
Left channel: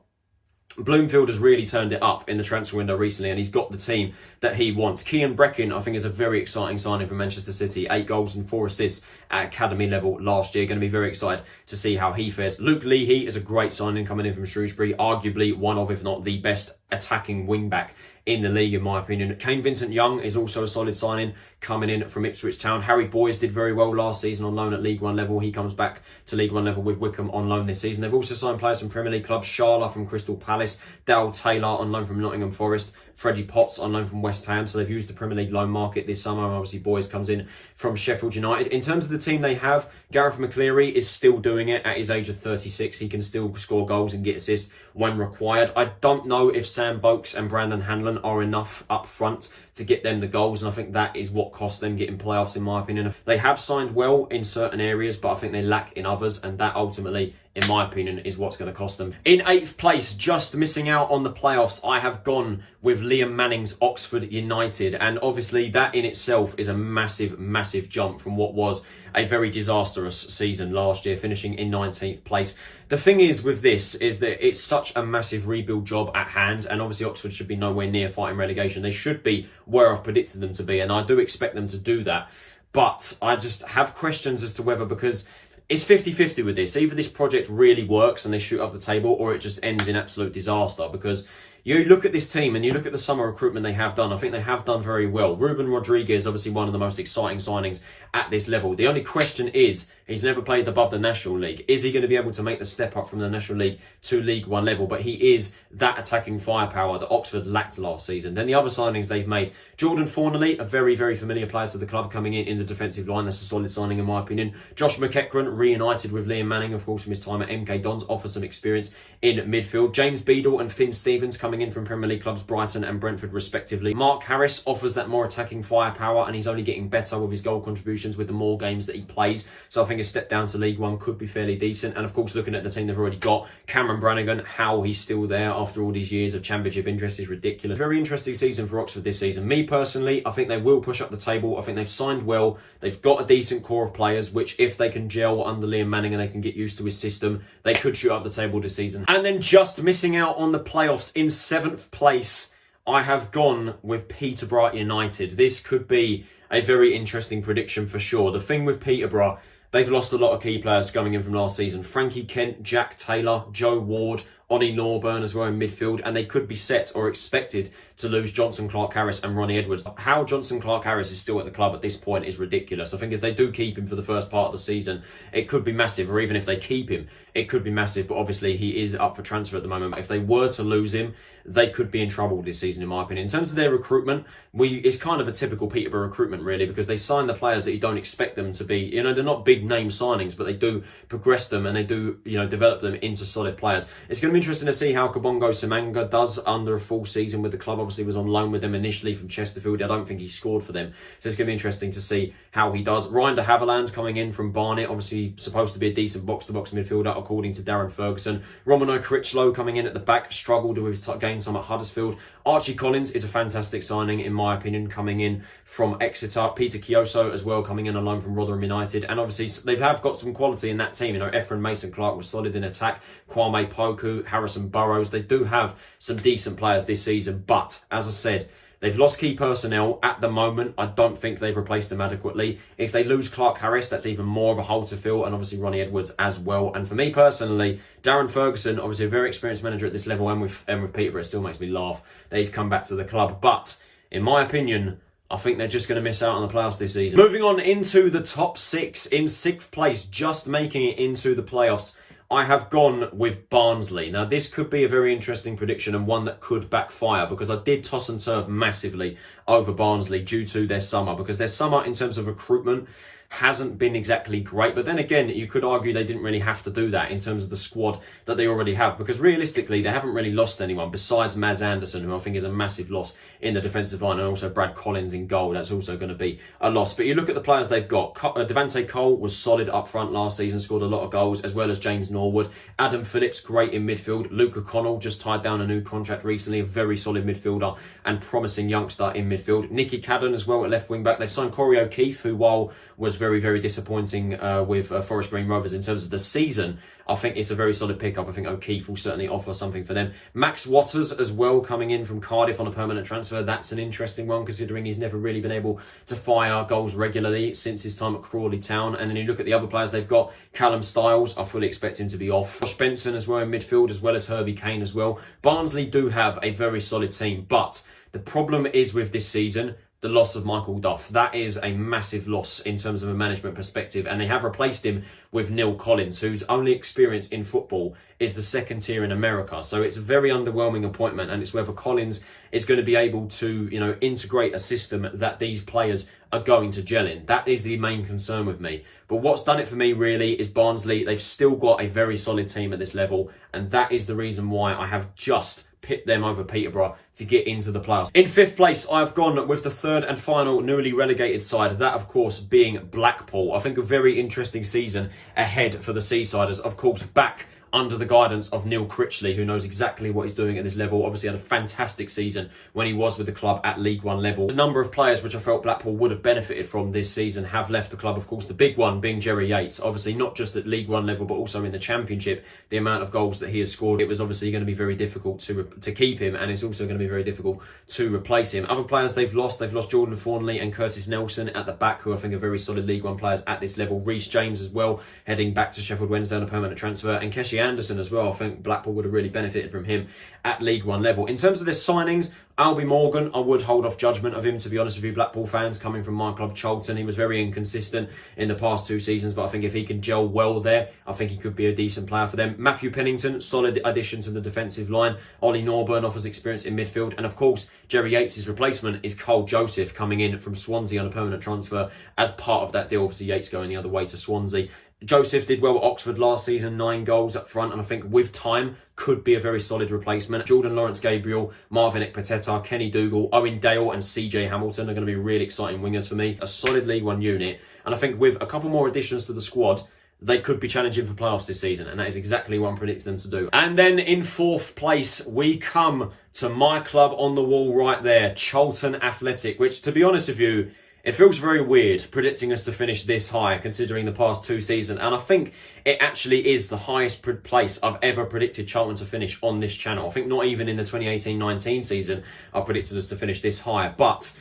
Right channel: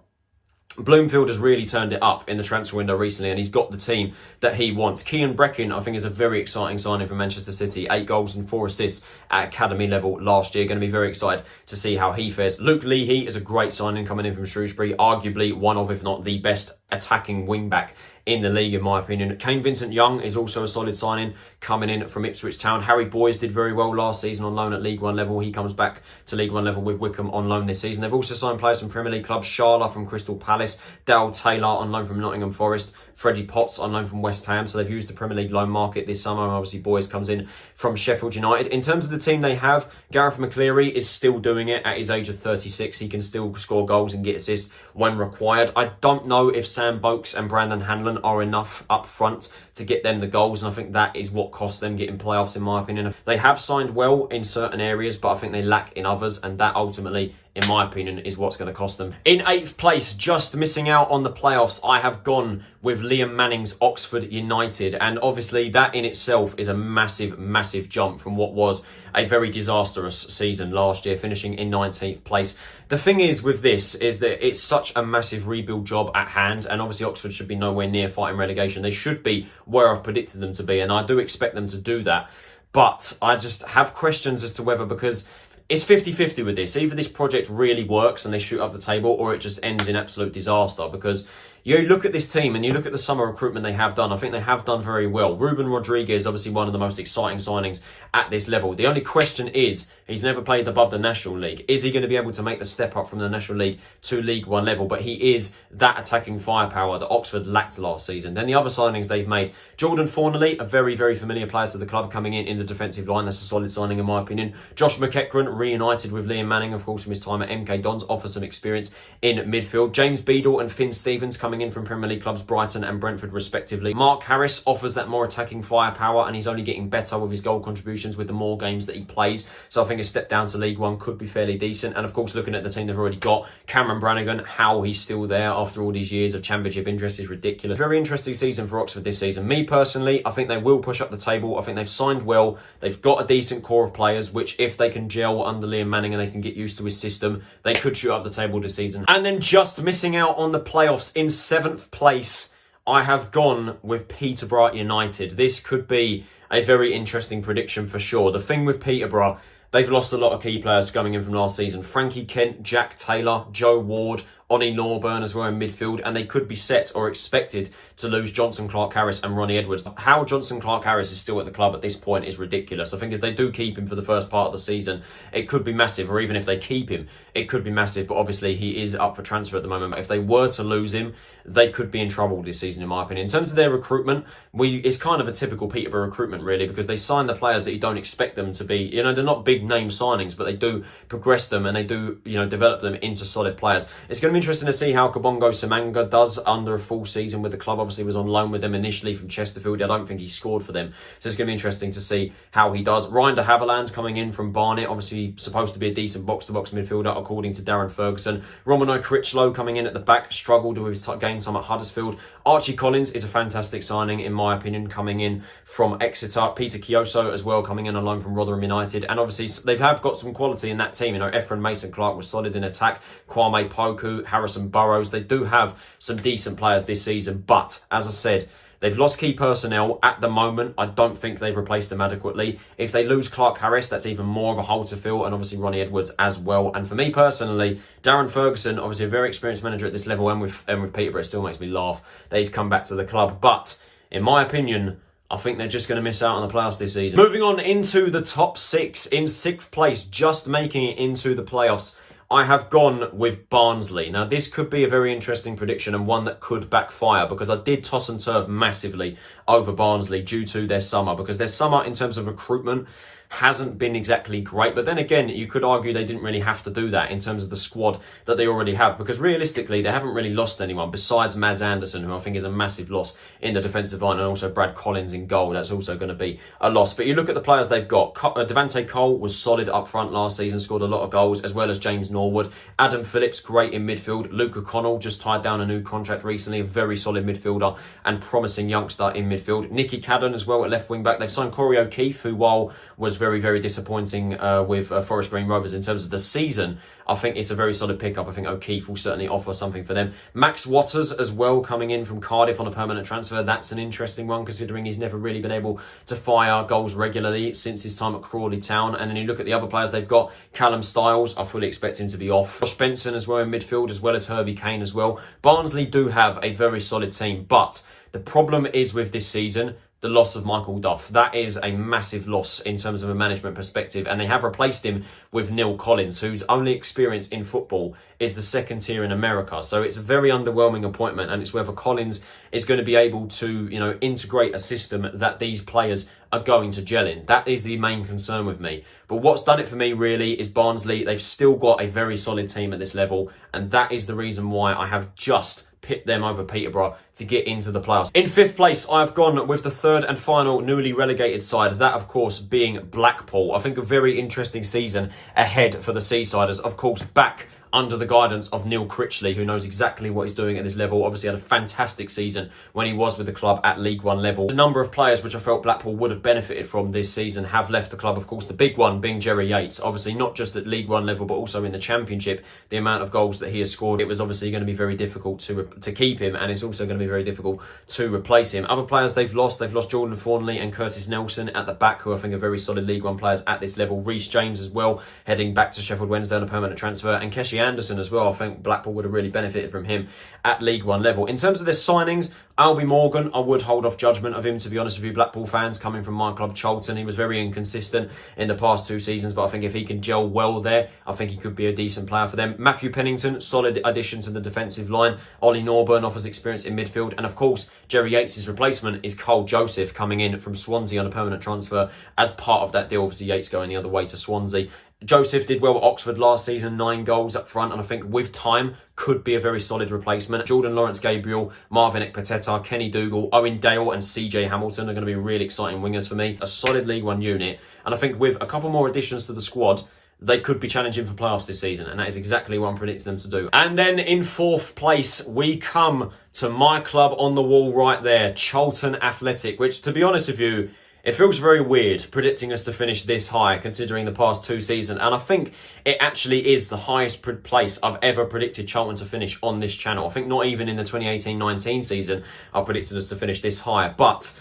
Bloomfield has really turned it up in the transfer window recently, and he's got the team that he wants. Cian Breckin, I think, is a very exciting signing for Manchester City. 8 goals and 4 assists at academy level last year. Going to be very excited to see how he fares. Luke Leahy is a great signing coming in from Shrewsbury. Arguably one of, if not the best attacking wing-back in the league, in my opinion. Kane Vincent-Young is also a solid signing coming in from Ipswich Town. Harry Boyes did very well last season on loan at League One level. He comes back to League One level with Wycombe on loan this season. They've also signed players from Premier League clubs. Sharla from Crystal Palace, Dale Taylor on loan from Nottingham Forest, Freddie Potts on loan from West Ham. So they've used the Premier League loan market this summer. And obviously Boyes comes in from Sheffield United. In terms of the team they have, Gareth McCleary is still doing it at his age of 36. He can still score goals and get assists when required. I don't know if Sam Boakes and Brandon Hanlon are enough up front to get them the goals, and I think that is what cost them getting playoffs, in my opinion. They have signed well in certain areas, but I think they lack in others, and that ultimately, in my opinion, is what's going to cost them. In 8th place, just missing out on the playoffs, I have gone with Liam Manning's Oxford United, and obviously that in itself is a massive, massive jump from what was a very disastrous season last year, finishing in 19th place. The thing is with this is that it's such a massive rebuild job at hand, and obviously Oxford should be nowhere near fighting relegation. They should be where I've predicted them to be, and I do expect them to do that. But I just have questions as to whether, because it's 50-50 with this. Either this project really works and they shoot up the table, or it just ends in absolute disaster. Because you look at this team and you look at the summer recruitment they have done. I think they have done very well. Ruben Rodriguez, obviously one of the most exciting signings at this level. The only question is, he's never played above the National League. Is he going to be able to make the step up from the National League to League One level? But he is that attacking firepower that Oxford lacked last season. Then the other signings they've made. Jordan Fornelly, a very, very familiar player to the club, coming in the defensive line. That's a solid signing in my opinion. Josh McEachran, reunited with Liam Manning, of course, from his time at MK Dons, offers some experience in midfield. James Beadle and Finn Stevens coming in from Premier League clubs Brighton and Brentford respectively. Mark Harris offers that more attacking firepower, and he's only getting better with his goal contributions with the more games that he plays. So I think a step down to League One could be fairly decent. And of course, looking at the team they've already got, Cameron Brannigan, how he's still there after all these years of championship interest is ridiculous. Very interesting season for Oxford this season. Me personally, I think they will push up the table. I think they've signed well. They've got a decent core of players, which if they can gel under Liam Manning and they can get used to his system, they could shoot up the table this season. And then just missing out on the playoffs in 7th place, I have gone with Peterborough United. This could be a very interesting prediction for sure. The thing with Peterborough, they've lost a lot of key players coming in from last season. Frankie Kent, Jack Taylor, Joe Ward, Ollie Norburn as well in midfield, and they could be set or expected to lose Johnson Clark-Harris and Ronnie Edwards. How Johnson Clark-Harris is still at the club at this point is ridiculous. I think if they do keep him for the first part of the season, it could be massive, or even if they keep him, it could be massive, but obviously he is up for transfer at the moment. If they were to lose him, they could be in trouble this season, in my opinion. In terms of their recruitment, it's kind of a typical Peterborough recruitment, really, because they sign the players that you don't expect them to be. You know, they're not big name signings, but they do progress them and they do, you know, develop them into solid players. It's going to be interesting to see how Kabongo Semanga does under a full season with the club. Obviously, was on loan with them initially from Chesterfield. I don't think he scored for them, so it's going to be interesting to see how he does. Ryan de Havilland coming in from Barnet, obviously supposed to be a decent box-to-box midfielder, according to Darren Ferguson. Romano Critchlow coming in at the back, struggled with his game time at Huddersfield. Archie Collins is a fantastic signing, in my opinion, coming in from Exeter. Peter Kioso as well, coming in on loan from Rotherham United. And obviously, they have got some quality in that team. You know, Ephraim Mason-Clark was solid in attack. Kwame Poku, Harrison Burrows. They do have some decent players this season. But, as I said, They've lost key personnel at the moment. I don't think they've replaced them adequately. If they lose Clark Harris, that's even more of a hole to fill, and obviously Ronnie Edwards as well. And for me personally, Darren Ferguson, obviously a very experienced manager at this level, and with Peterborough, it still makes me laugh that he's come back to the club. But in my opinion, I think they're just going to miss out on the playoffs this season. Moving on into the top 6, in 6th place, just making it into the playoffs, I have gone with Barnsley. Now, this could be a very interesting prediction and one that could backfire, because I did toss and turf massively over Barnsley due to their summer, because their summer in terms of recruitment hasn't been exactly great. But then again, you could argue they didn't really have to do that in terms of the squad that they already have, because realistically, they haven't really lost anyone besides Mads Anderson, who I think is a massive loss in the defensive line, and also Brad Collins in goal. That's also going to be a loss. But you look at the players they've got. Devante Cole was solid up front last season, scored a lot of goals, as well as James Norwood. Adam Phillips, great in midfield. Luke O'Connell just tied down a new contract recently, a very solid midfielder and promising youngster in midfield. Nicky Cadden as well at left wing back. They've signed Corey O'Keefe, who, while was very, very disappointing with Forest Green Rovers in terms of the season, I think it's a very solid pickup. I think O'Keefe will certainly offer something for them. Max Watters as well, coming in from Cardiff on a permanent transfer. That's an interesting one, considering he's never really been able to fire goals regularly since his time at Crawley Town. And then you look at the other players they've got. Callum Stiles, I fully expect him to be off. Josh Benson as well in midfield, as well as Herbie Kane as well. Barnsley do have a very solid team, but the problem is with this season, the loss of Michael Duff. That is a massive loss in terms of a management perspective, and they have replaced him with Neil Collins, whose only experience in football is the second tier in America. So it's a very underwhelming appointment, and it's whether Collins is going to be able to, integrate a system that these players are going to gel in. That is the main concern with me. But what's done it for me really is Barnsley. They've still got a very solid team at this level, and that is the reason why I have just pipped them over Peterborough to get into the playoffs. In 5th place, I've gone with the 3rd and final newly relegated side, that of course being Blackpool. I think a very interesting season ahead for the Seasiders, of course back under the guidance of Neil Critchley, who knows exactly what he's doing at this level. Obviously had a fantastic season when he was with the club at League One level. A number of players which I felt Blackpool would have benefited from this season have left the club. Of course, the big one being Jerry Yates. Obviously not just at League One level, but also in the Championship. The amount of goals that he has scored, it was obviously going to be very difficult to keep him, and it's also going to be very difficult to replace him. Other players they've lost Jordan Thornley and Curtis Nelson at the back, who I think are very solid League One players at this level. Reece James as well, heading back to Sheffield Wednesday on a permanent transfer, and Keshi Anderson as well. I think Blackpool would have really benefited from him at League One level. In terms of their signings, Albie Morgan, I would hold off judgment of him, to be honest with you, Blackpool fans, coming from my club, Charlton. He was very inconsistent in the past 2 seasons, but I think if he can gel well there, I think he could be a decent player for them. Matthew Pennington, solid addition to the defensive line. Ollie Norburn offers experience in midfield. And of course, Jerry Yates' replacement is Cole Joseph, coming in from Swansea on a permanent transfer as part of that deal. Obviously, Yates going the other way to Swansea. Joseph did well at Oxford last season, 9 goals up front, and I think with time could be a very solid replacement. Jordan Lawrence-Gabriel, Marvin Ekpateta, Kenny Dougal, Owen Dale and CJ Hamilton are going to be really exciting wingers for me. A solid League One unit, and I think with a couple more additions to the squad, they could be challenging for playoffs this season, and that is exactly what I'm predicting them to do. And then in 4th place, we come to my club on the wall right there, Charlton Athletic, which, to be honest with you, it feels very weird predicting us to finish this high, considering the past 2 seasons. And I think it actually is the highest place I've ever predicted Charlton to finish on this channel. I think not even in the 2018-19 season I predicted us to finish this high. But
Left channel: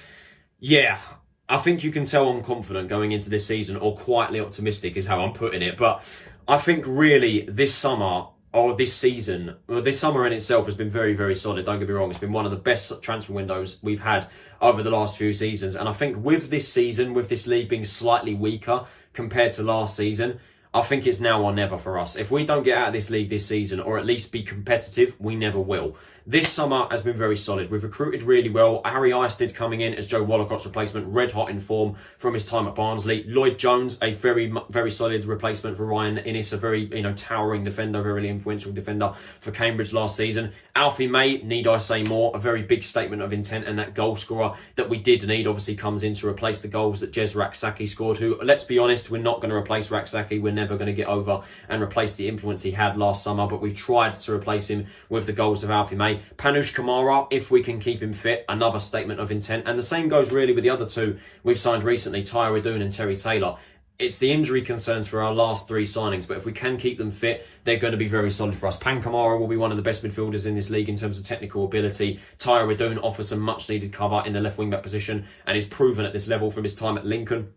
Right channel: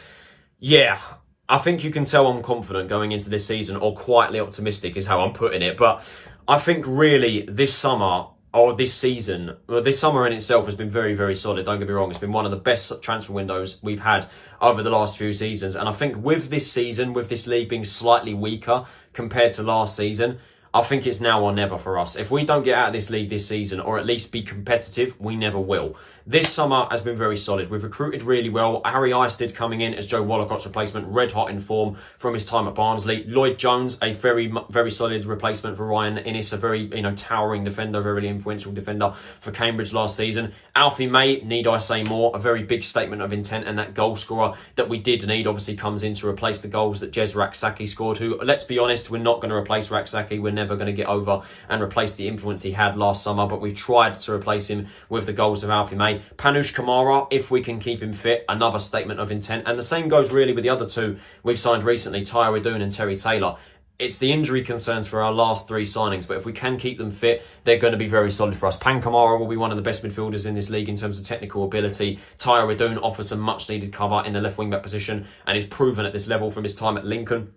yeah, I think you can tell I'm confident going into this season, or quietly optimistic is how I'm putting it. But I think really this summer, or this season, well, this summer in itself has been very, very solid. Don't get me wrong. It's been one of the best transfer windows we've had over the last few seasons. And I think with this season, with this league being slightly weaker compared to last season, I think it's now or never for us. If we don't get out of this league this season, or at least be competitive, we never will. This summer has been very solid. We've recruited really well. Harry Isted coming in as Joe Walcott's replacement, red hot in form from his time at Barnsley. Lloyd Jones, a very, very solid replacement for Ryan Innes, a very, towering defender, very influential defender for Cambridge last season. Alfie May, need I say more, a very big statement of intent, and that goal scorer that we did need obviously comes in to replace the goals that Jez Raksaki scored, who, let's be honest, we're not going to replace Raksaki. We're never going to get over and replace the influence he had last summer, but we've tried to replace him with the goals of Alfie May. Panush Kamara, if we can keep him fit, another statement of intent. And the same goes really with the other 2 we've signed recently, Tyre Doon and Terry Taylor. it's the injury concerns for our last three signings, but if we can keep them fit, they're going to be very solid for us. Pankamara will be one of the best midfielders in this league in terms of technical ability. Tyre Redoon offers some much needed cover in the left wing back position and is proven at this level from his time at Lincoln.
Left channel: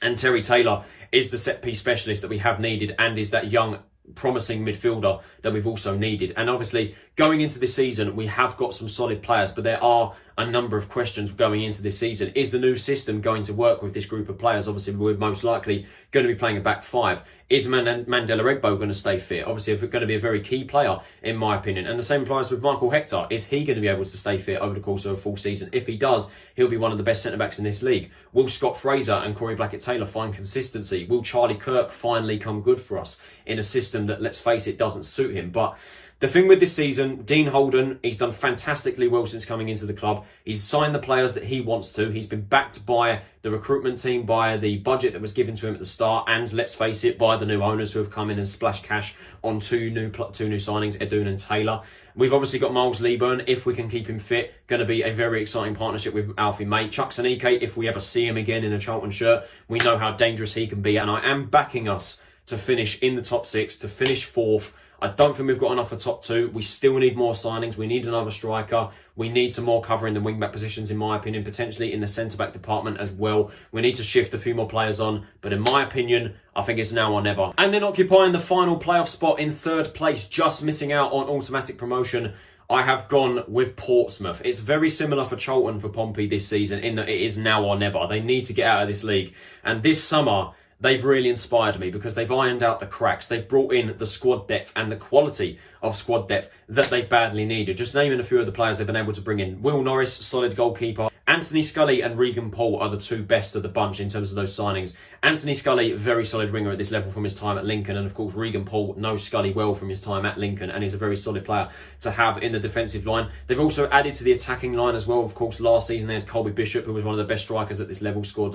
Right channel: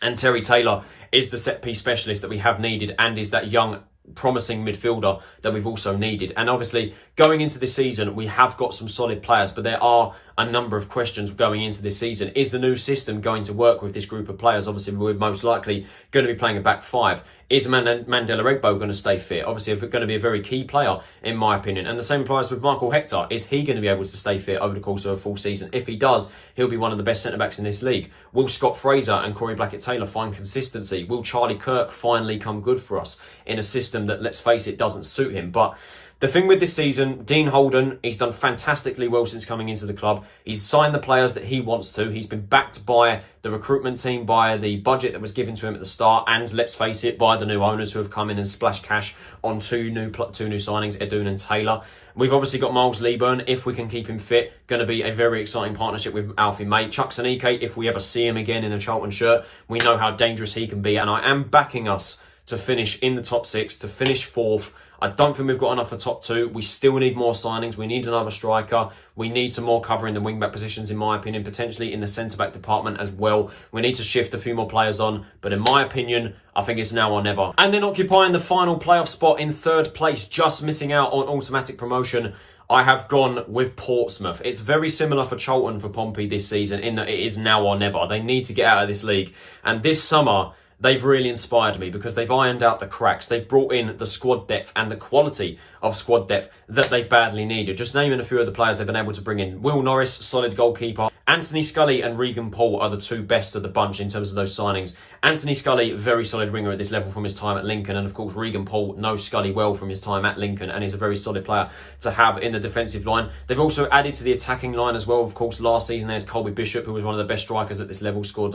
And Terry Taylor is the set piece specialist that we have needed and is that young promising midfielder that we've also needed. And obviously going into this season, we have got some solid players, but there are a number of questions going into this season. Is the new system going to work with this group of players? Obviously, we're most likely going to be playing a back five. Is Mandela Egbo going to stay fit? Obviously, going to be a very key player, in my opinion. And the same applies with Michael Hector. Is he going to be able to stay fit over the course of a full season? If he does, he'll be one of the best centre-backs in this league. Will Scott Fraser and Corey Blackett-Taylor find consistency? Will Charlie Kirk finally come good for us in a system that, let's face it, doesn't suit him? But the thing with this season, Dean Holden, he's done fantastically well since coming into the club. He's signed the players that he wants to. He's been backed by the recruitment team, by the budget that was given to him at the start, and let's face it, by the new owners who have come in and splashed cash on two new signings, Edun and Taylor. We've obviously got Miles Leaburn, if we can keep him fit, going to be a very exciting partnership with Alfie May. Chuck Sanike, if we ever see him again in a Charlton shirt, we know how dangerous he can be, and I am backing us to finish in the top six, to finish fourth. I don't think we've got enough for top two. We still need more signings. We need another striker. We need some more cover in the wing-back positions, in my opinion, potentially in the centre-back department as well. We need to shift a few more players on. But in my opinion, I think it's now or never. And then occupying the final playoff spot in third place, just missing out on automatic promotion, I have gone with Portsmouth. It's very similar for Charlton for Pompey this season in that it is now or never. They need to get out of this league. And this summer, they've really inspired me because they've ironed out the cracks. They've brought in the squad depth and the quality of squad depth that they've badly needed. Just naming a few of the players they've been able to bring in. Will Norris, solid goalkeeper. Anthony Scully and Regan Paul are the two best of the bunch in terms of those signings. Anthony Scully, very solid winger at this level from his time at Lincoln. And of course, Regan Paul knows Scully well from his time at Lincoln and is a very solid player to have in the defensive line. They've also added to the attacking line as well. Of course, last season they had Colby Bishop, who was one of the best strikers at this level, scored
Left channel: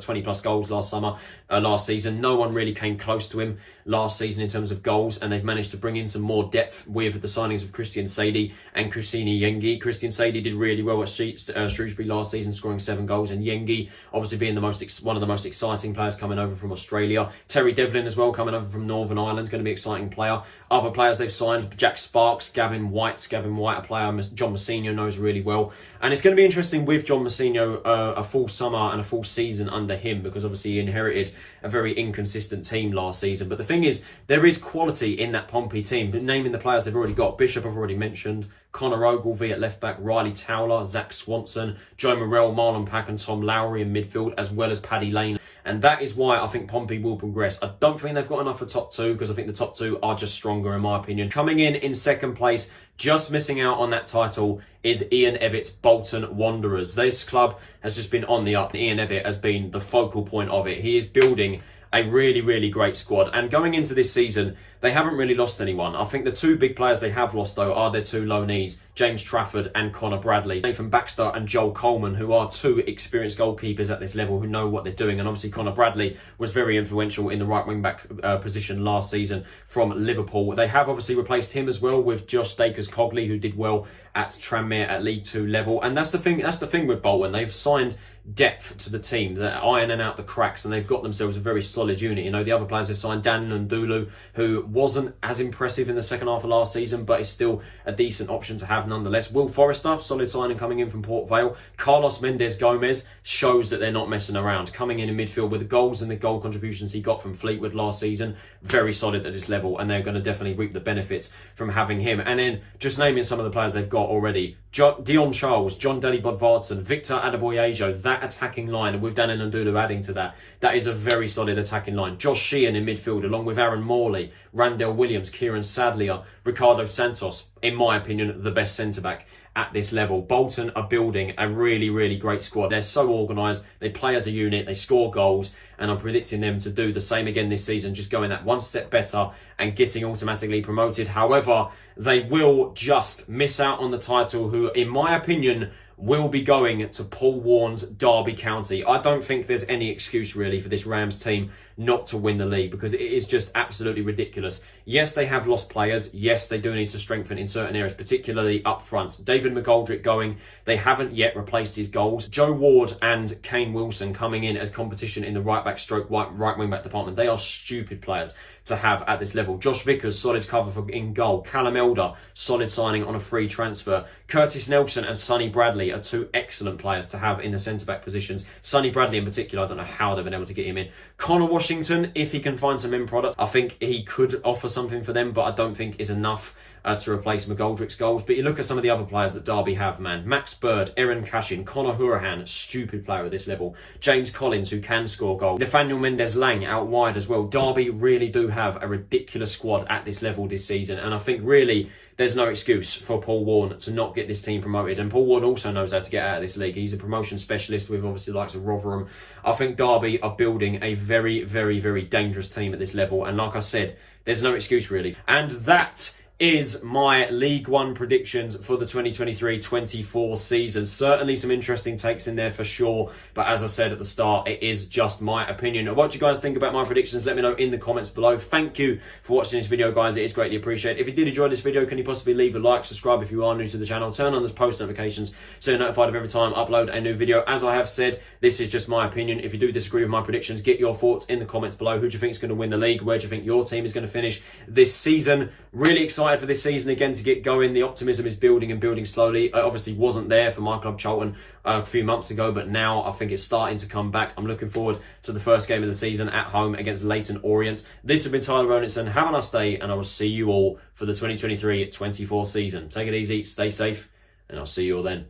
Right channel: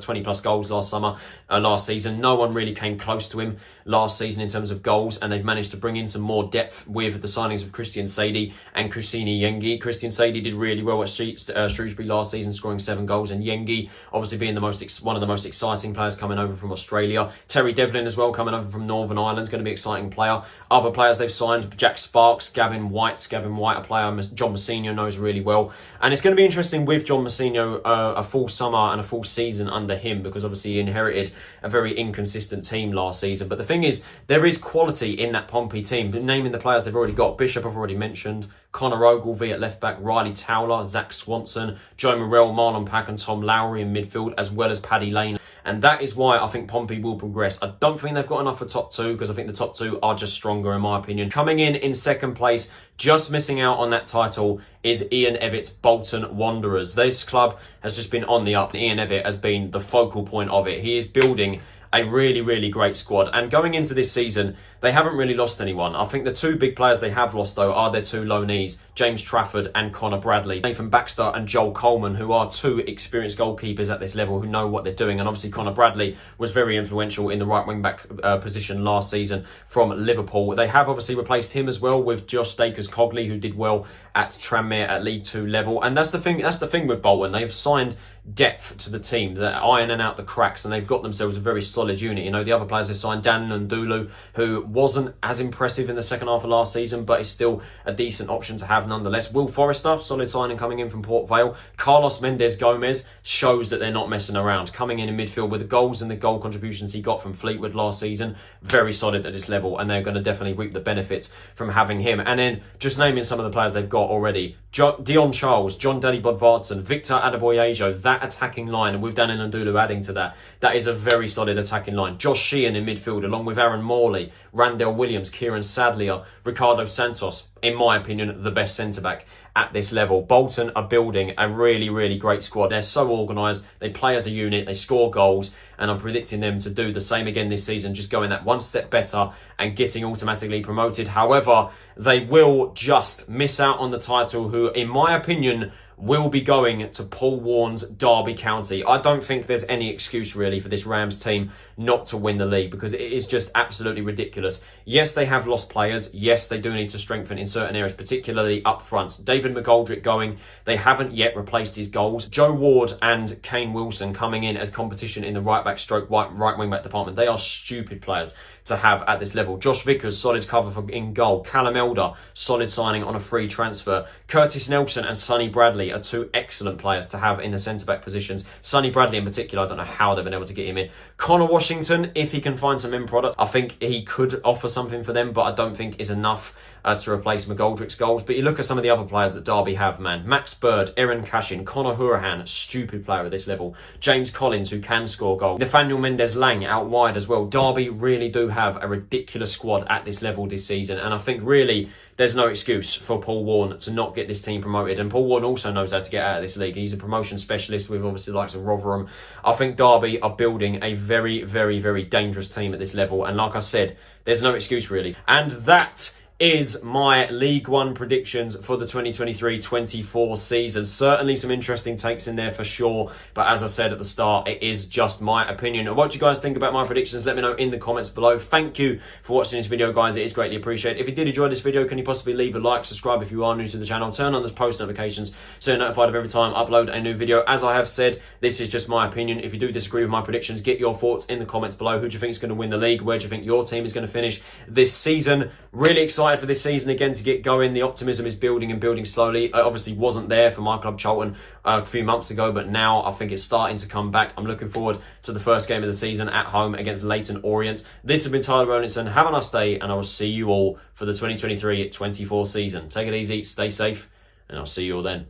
20 plus goals last season. No one really came close to him last season in terms of goals, and they've managed to bring in some more depth with the signings of Christian Sadie and Kusini Yengi. Christian Sadie did really well at Shrewsbury last season, scoring 7 goals, and Yengi obviously being one of the most exciting players coming over from Australia. Terry Devlin as well, coming over from Northern Ireland, going to be an exciting player. Other players they've signed, Jack Sparks, Gavin White, a player John Mousinho knows really well. And it's going to be interesting with John Mousinho, a full summer and a full season under him, because obviously he inherited a very inconsistent team last season. But the thing is, there is quality in that Pompey team. Naming the players they've already got, Bishop I've already mentioned, Connor Ogilvie at left back, Riley Towler, Zach Swanson, Joe Morrell, Marlon Pack and Tom Lowry in midfield, as well as Paddy Lane. And that is why I think Pompey will progress. I don't think they've got enough for top two, because I think the top two are just stronger in my opinion. Coming in second place, just missing out on that title, is Ian Evatt's Bolton Wanderers. This club has just been on the up. Ian Evatt has been the focal point of it. He is building a really, really great squad. And going into this season, they haven't really lost anyone. I think the two big players they have lost, though, are their two loanees, James Trafford and Connor Bradley. Nathan Baxter and Joel Coleman, who are two experienced goalkeepers at this level who know what they're doing. And obviously Connor Bradley was very influential in the right wing-back position last season from Liverpool. They have obviously replaced him as well with Josh Stakers-Cogley, who did well at Tranmere at League 2 level. And that's the thing with Bolton. They've signed depth to the team, they're ironing out the cracks, and they've got themselves a very solid unit. You know, the other players they've signed, Dan Ndulu, who wasn't as impressive in the second half of last season, but is still a decent option to have nonetheless. Will Forrester, solid signing coming in from Port Vale. Carlos Mendes Gomez shows that they're not messing around, coming in midfield with the goals and the goal contributions he got from Fleetwood last season. Very solid at this level, and they're going to definitely reap the benefits from having him. And then just naming some of the players they've got already: Dion Charles, John Deli Bodvarsson, Victor Adeboyejo. That attacking line, and with Dan Ndulu adding to that, that is a very solid attacking line. Josh Sheehan in midfield, along with Aaron Morley, Randell Williams, Kieran Sadlier, Ricardo Santos, in my opinion, the best centre-back at this level. Bolton are building a really, really great squad. They're so organised, they play as a unit, they score goals, and I'm predicting them to do the same again this season, just going that one step better and getting automatically promoted. However, they will just miss out on the title, who, in my opinion, will be going to Paul Warren's Derby County. I don't think there's any excuse really for this Rams team not to win the league, because it is just absolutely ridiculous. Yes, they have lost players. Yes, they do need to strengthen in certain areas, particularly up front. David McGoldrick going. They haven't yet replaced his goals. Joe Ward and Kane Wilson coming in as competition in the right-back stroke right wing-back department. They are stupid players to have at this level. Josh Vickers, solid cover for in goal. Callum Elder, solid signing on a free transfer. Curtis Nelson and Sonny Bradley are two excellent players to have in the centre-back positions. Sonny Bradley in particular, I don't know how they've been able to get him in. Connor Washington, if he can find some in product, I think he could offer something for them, but I don't think is enough to replace McGoldrick's goals. But you look at some of the other players that Derby have, man. Max Bird, Erin Cashin, Conor Hourihane, stupid player at this level. James Collins, who can score goals. Nathaniel Mendez-Lang out wide as well. Derby really do have a ridiculous squad at this level this season. And I think really there's no excuse for Paul Warne to not get this team promoted. And Paul Warne also knows how to get out of this league. He's a promotion specialist with obviously the likes of Rotherham. I think Derby are building a very, very, very dangerous team at this level. And like I said, there's no excuse really. And that is my League One predictions for the 2023-24 season. Certainly some interesting takes in there for sure, but as I said at the start, it is just my opinion. What do you guys think about my predictions? Let me know in the comments below. Thank you for watching this video, guys. It is greatly appreciated. If you did enjoy this video, can you possibly leave a like, subscribe if you are new to the channel, turn on those post notifications so you're notified of every time I upload a new video. As I have said, this is just my opinion. If you do disagree with my predictions, get your thoughts in the comments below. Who do you think is going to win the league? Where do you think your team is going to finish this season? Really excited for this season again to get going. The optimism is building and building slowly. It obviously wasn't there for my club Charlton a few months ago, but now I think it's starting to come back. I'm looking forward to the first game of the season at home against Leyton Orient. This has been Tyler Roninson. Have a nice day, and I will see you all for the 2023-24 season. Take it easy, stay safe, and I'll see you all then.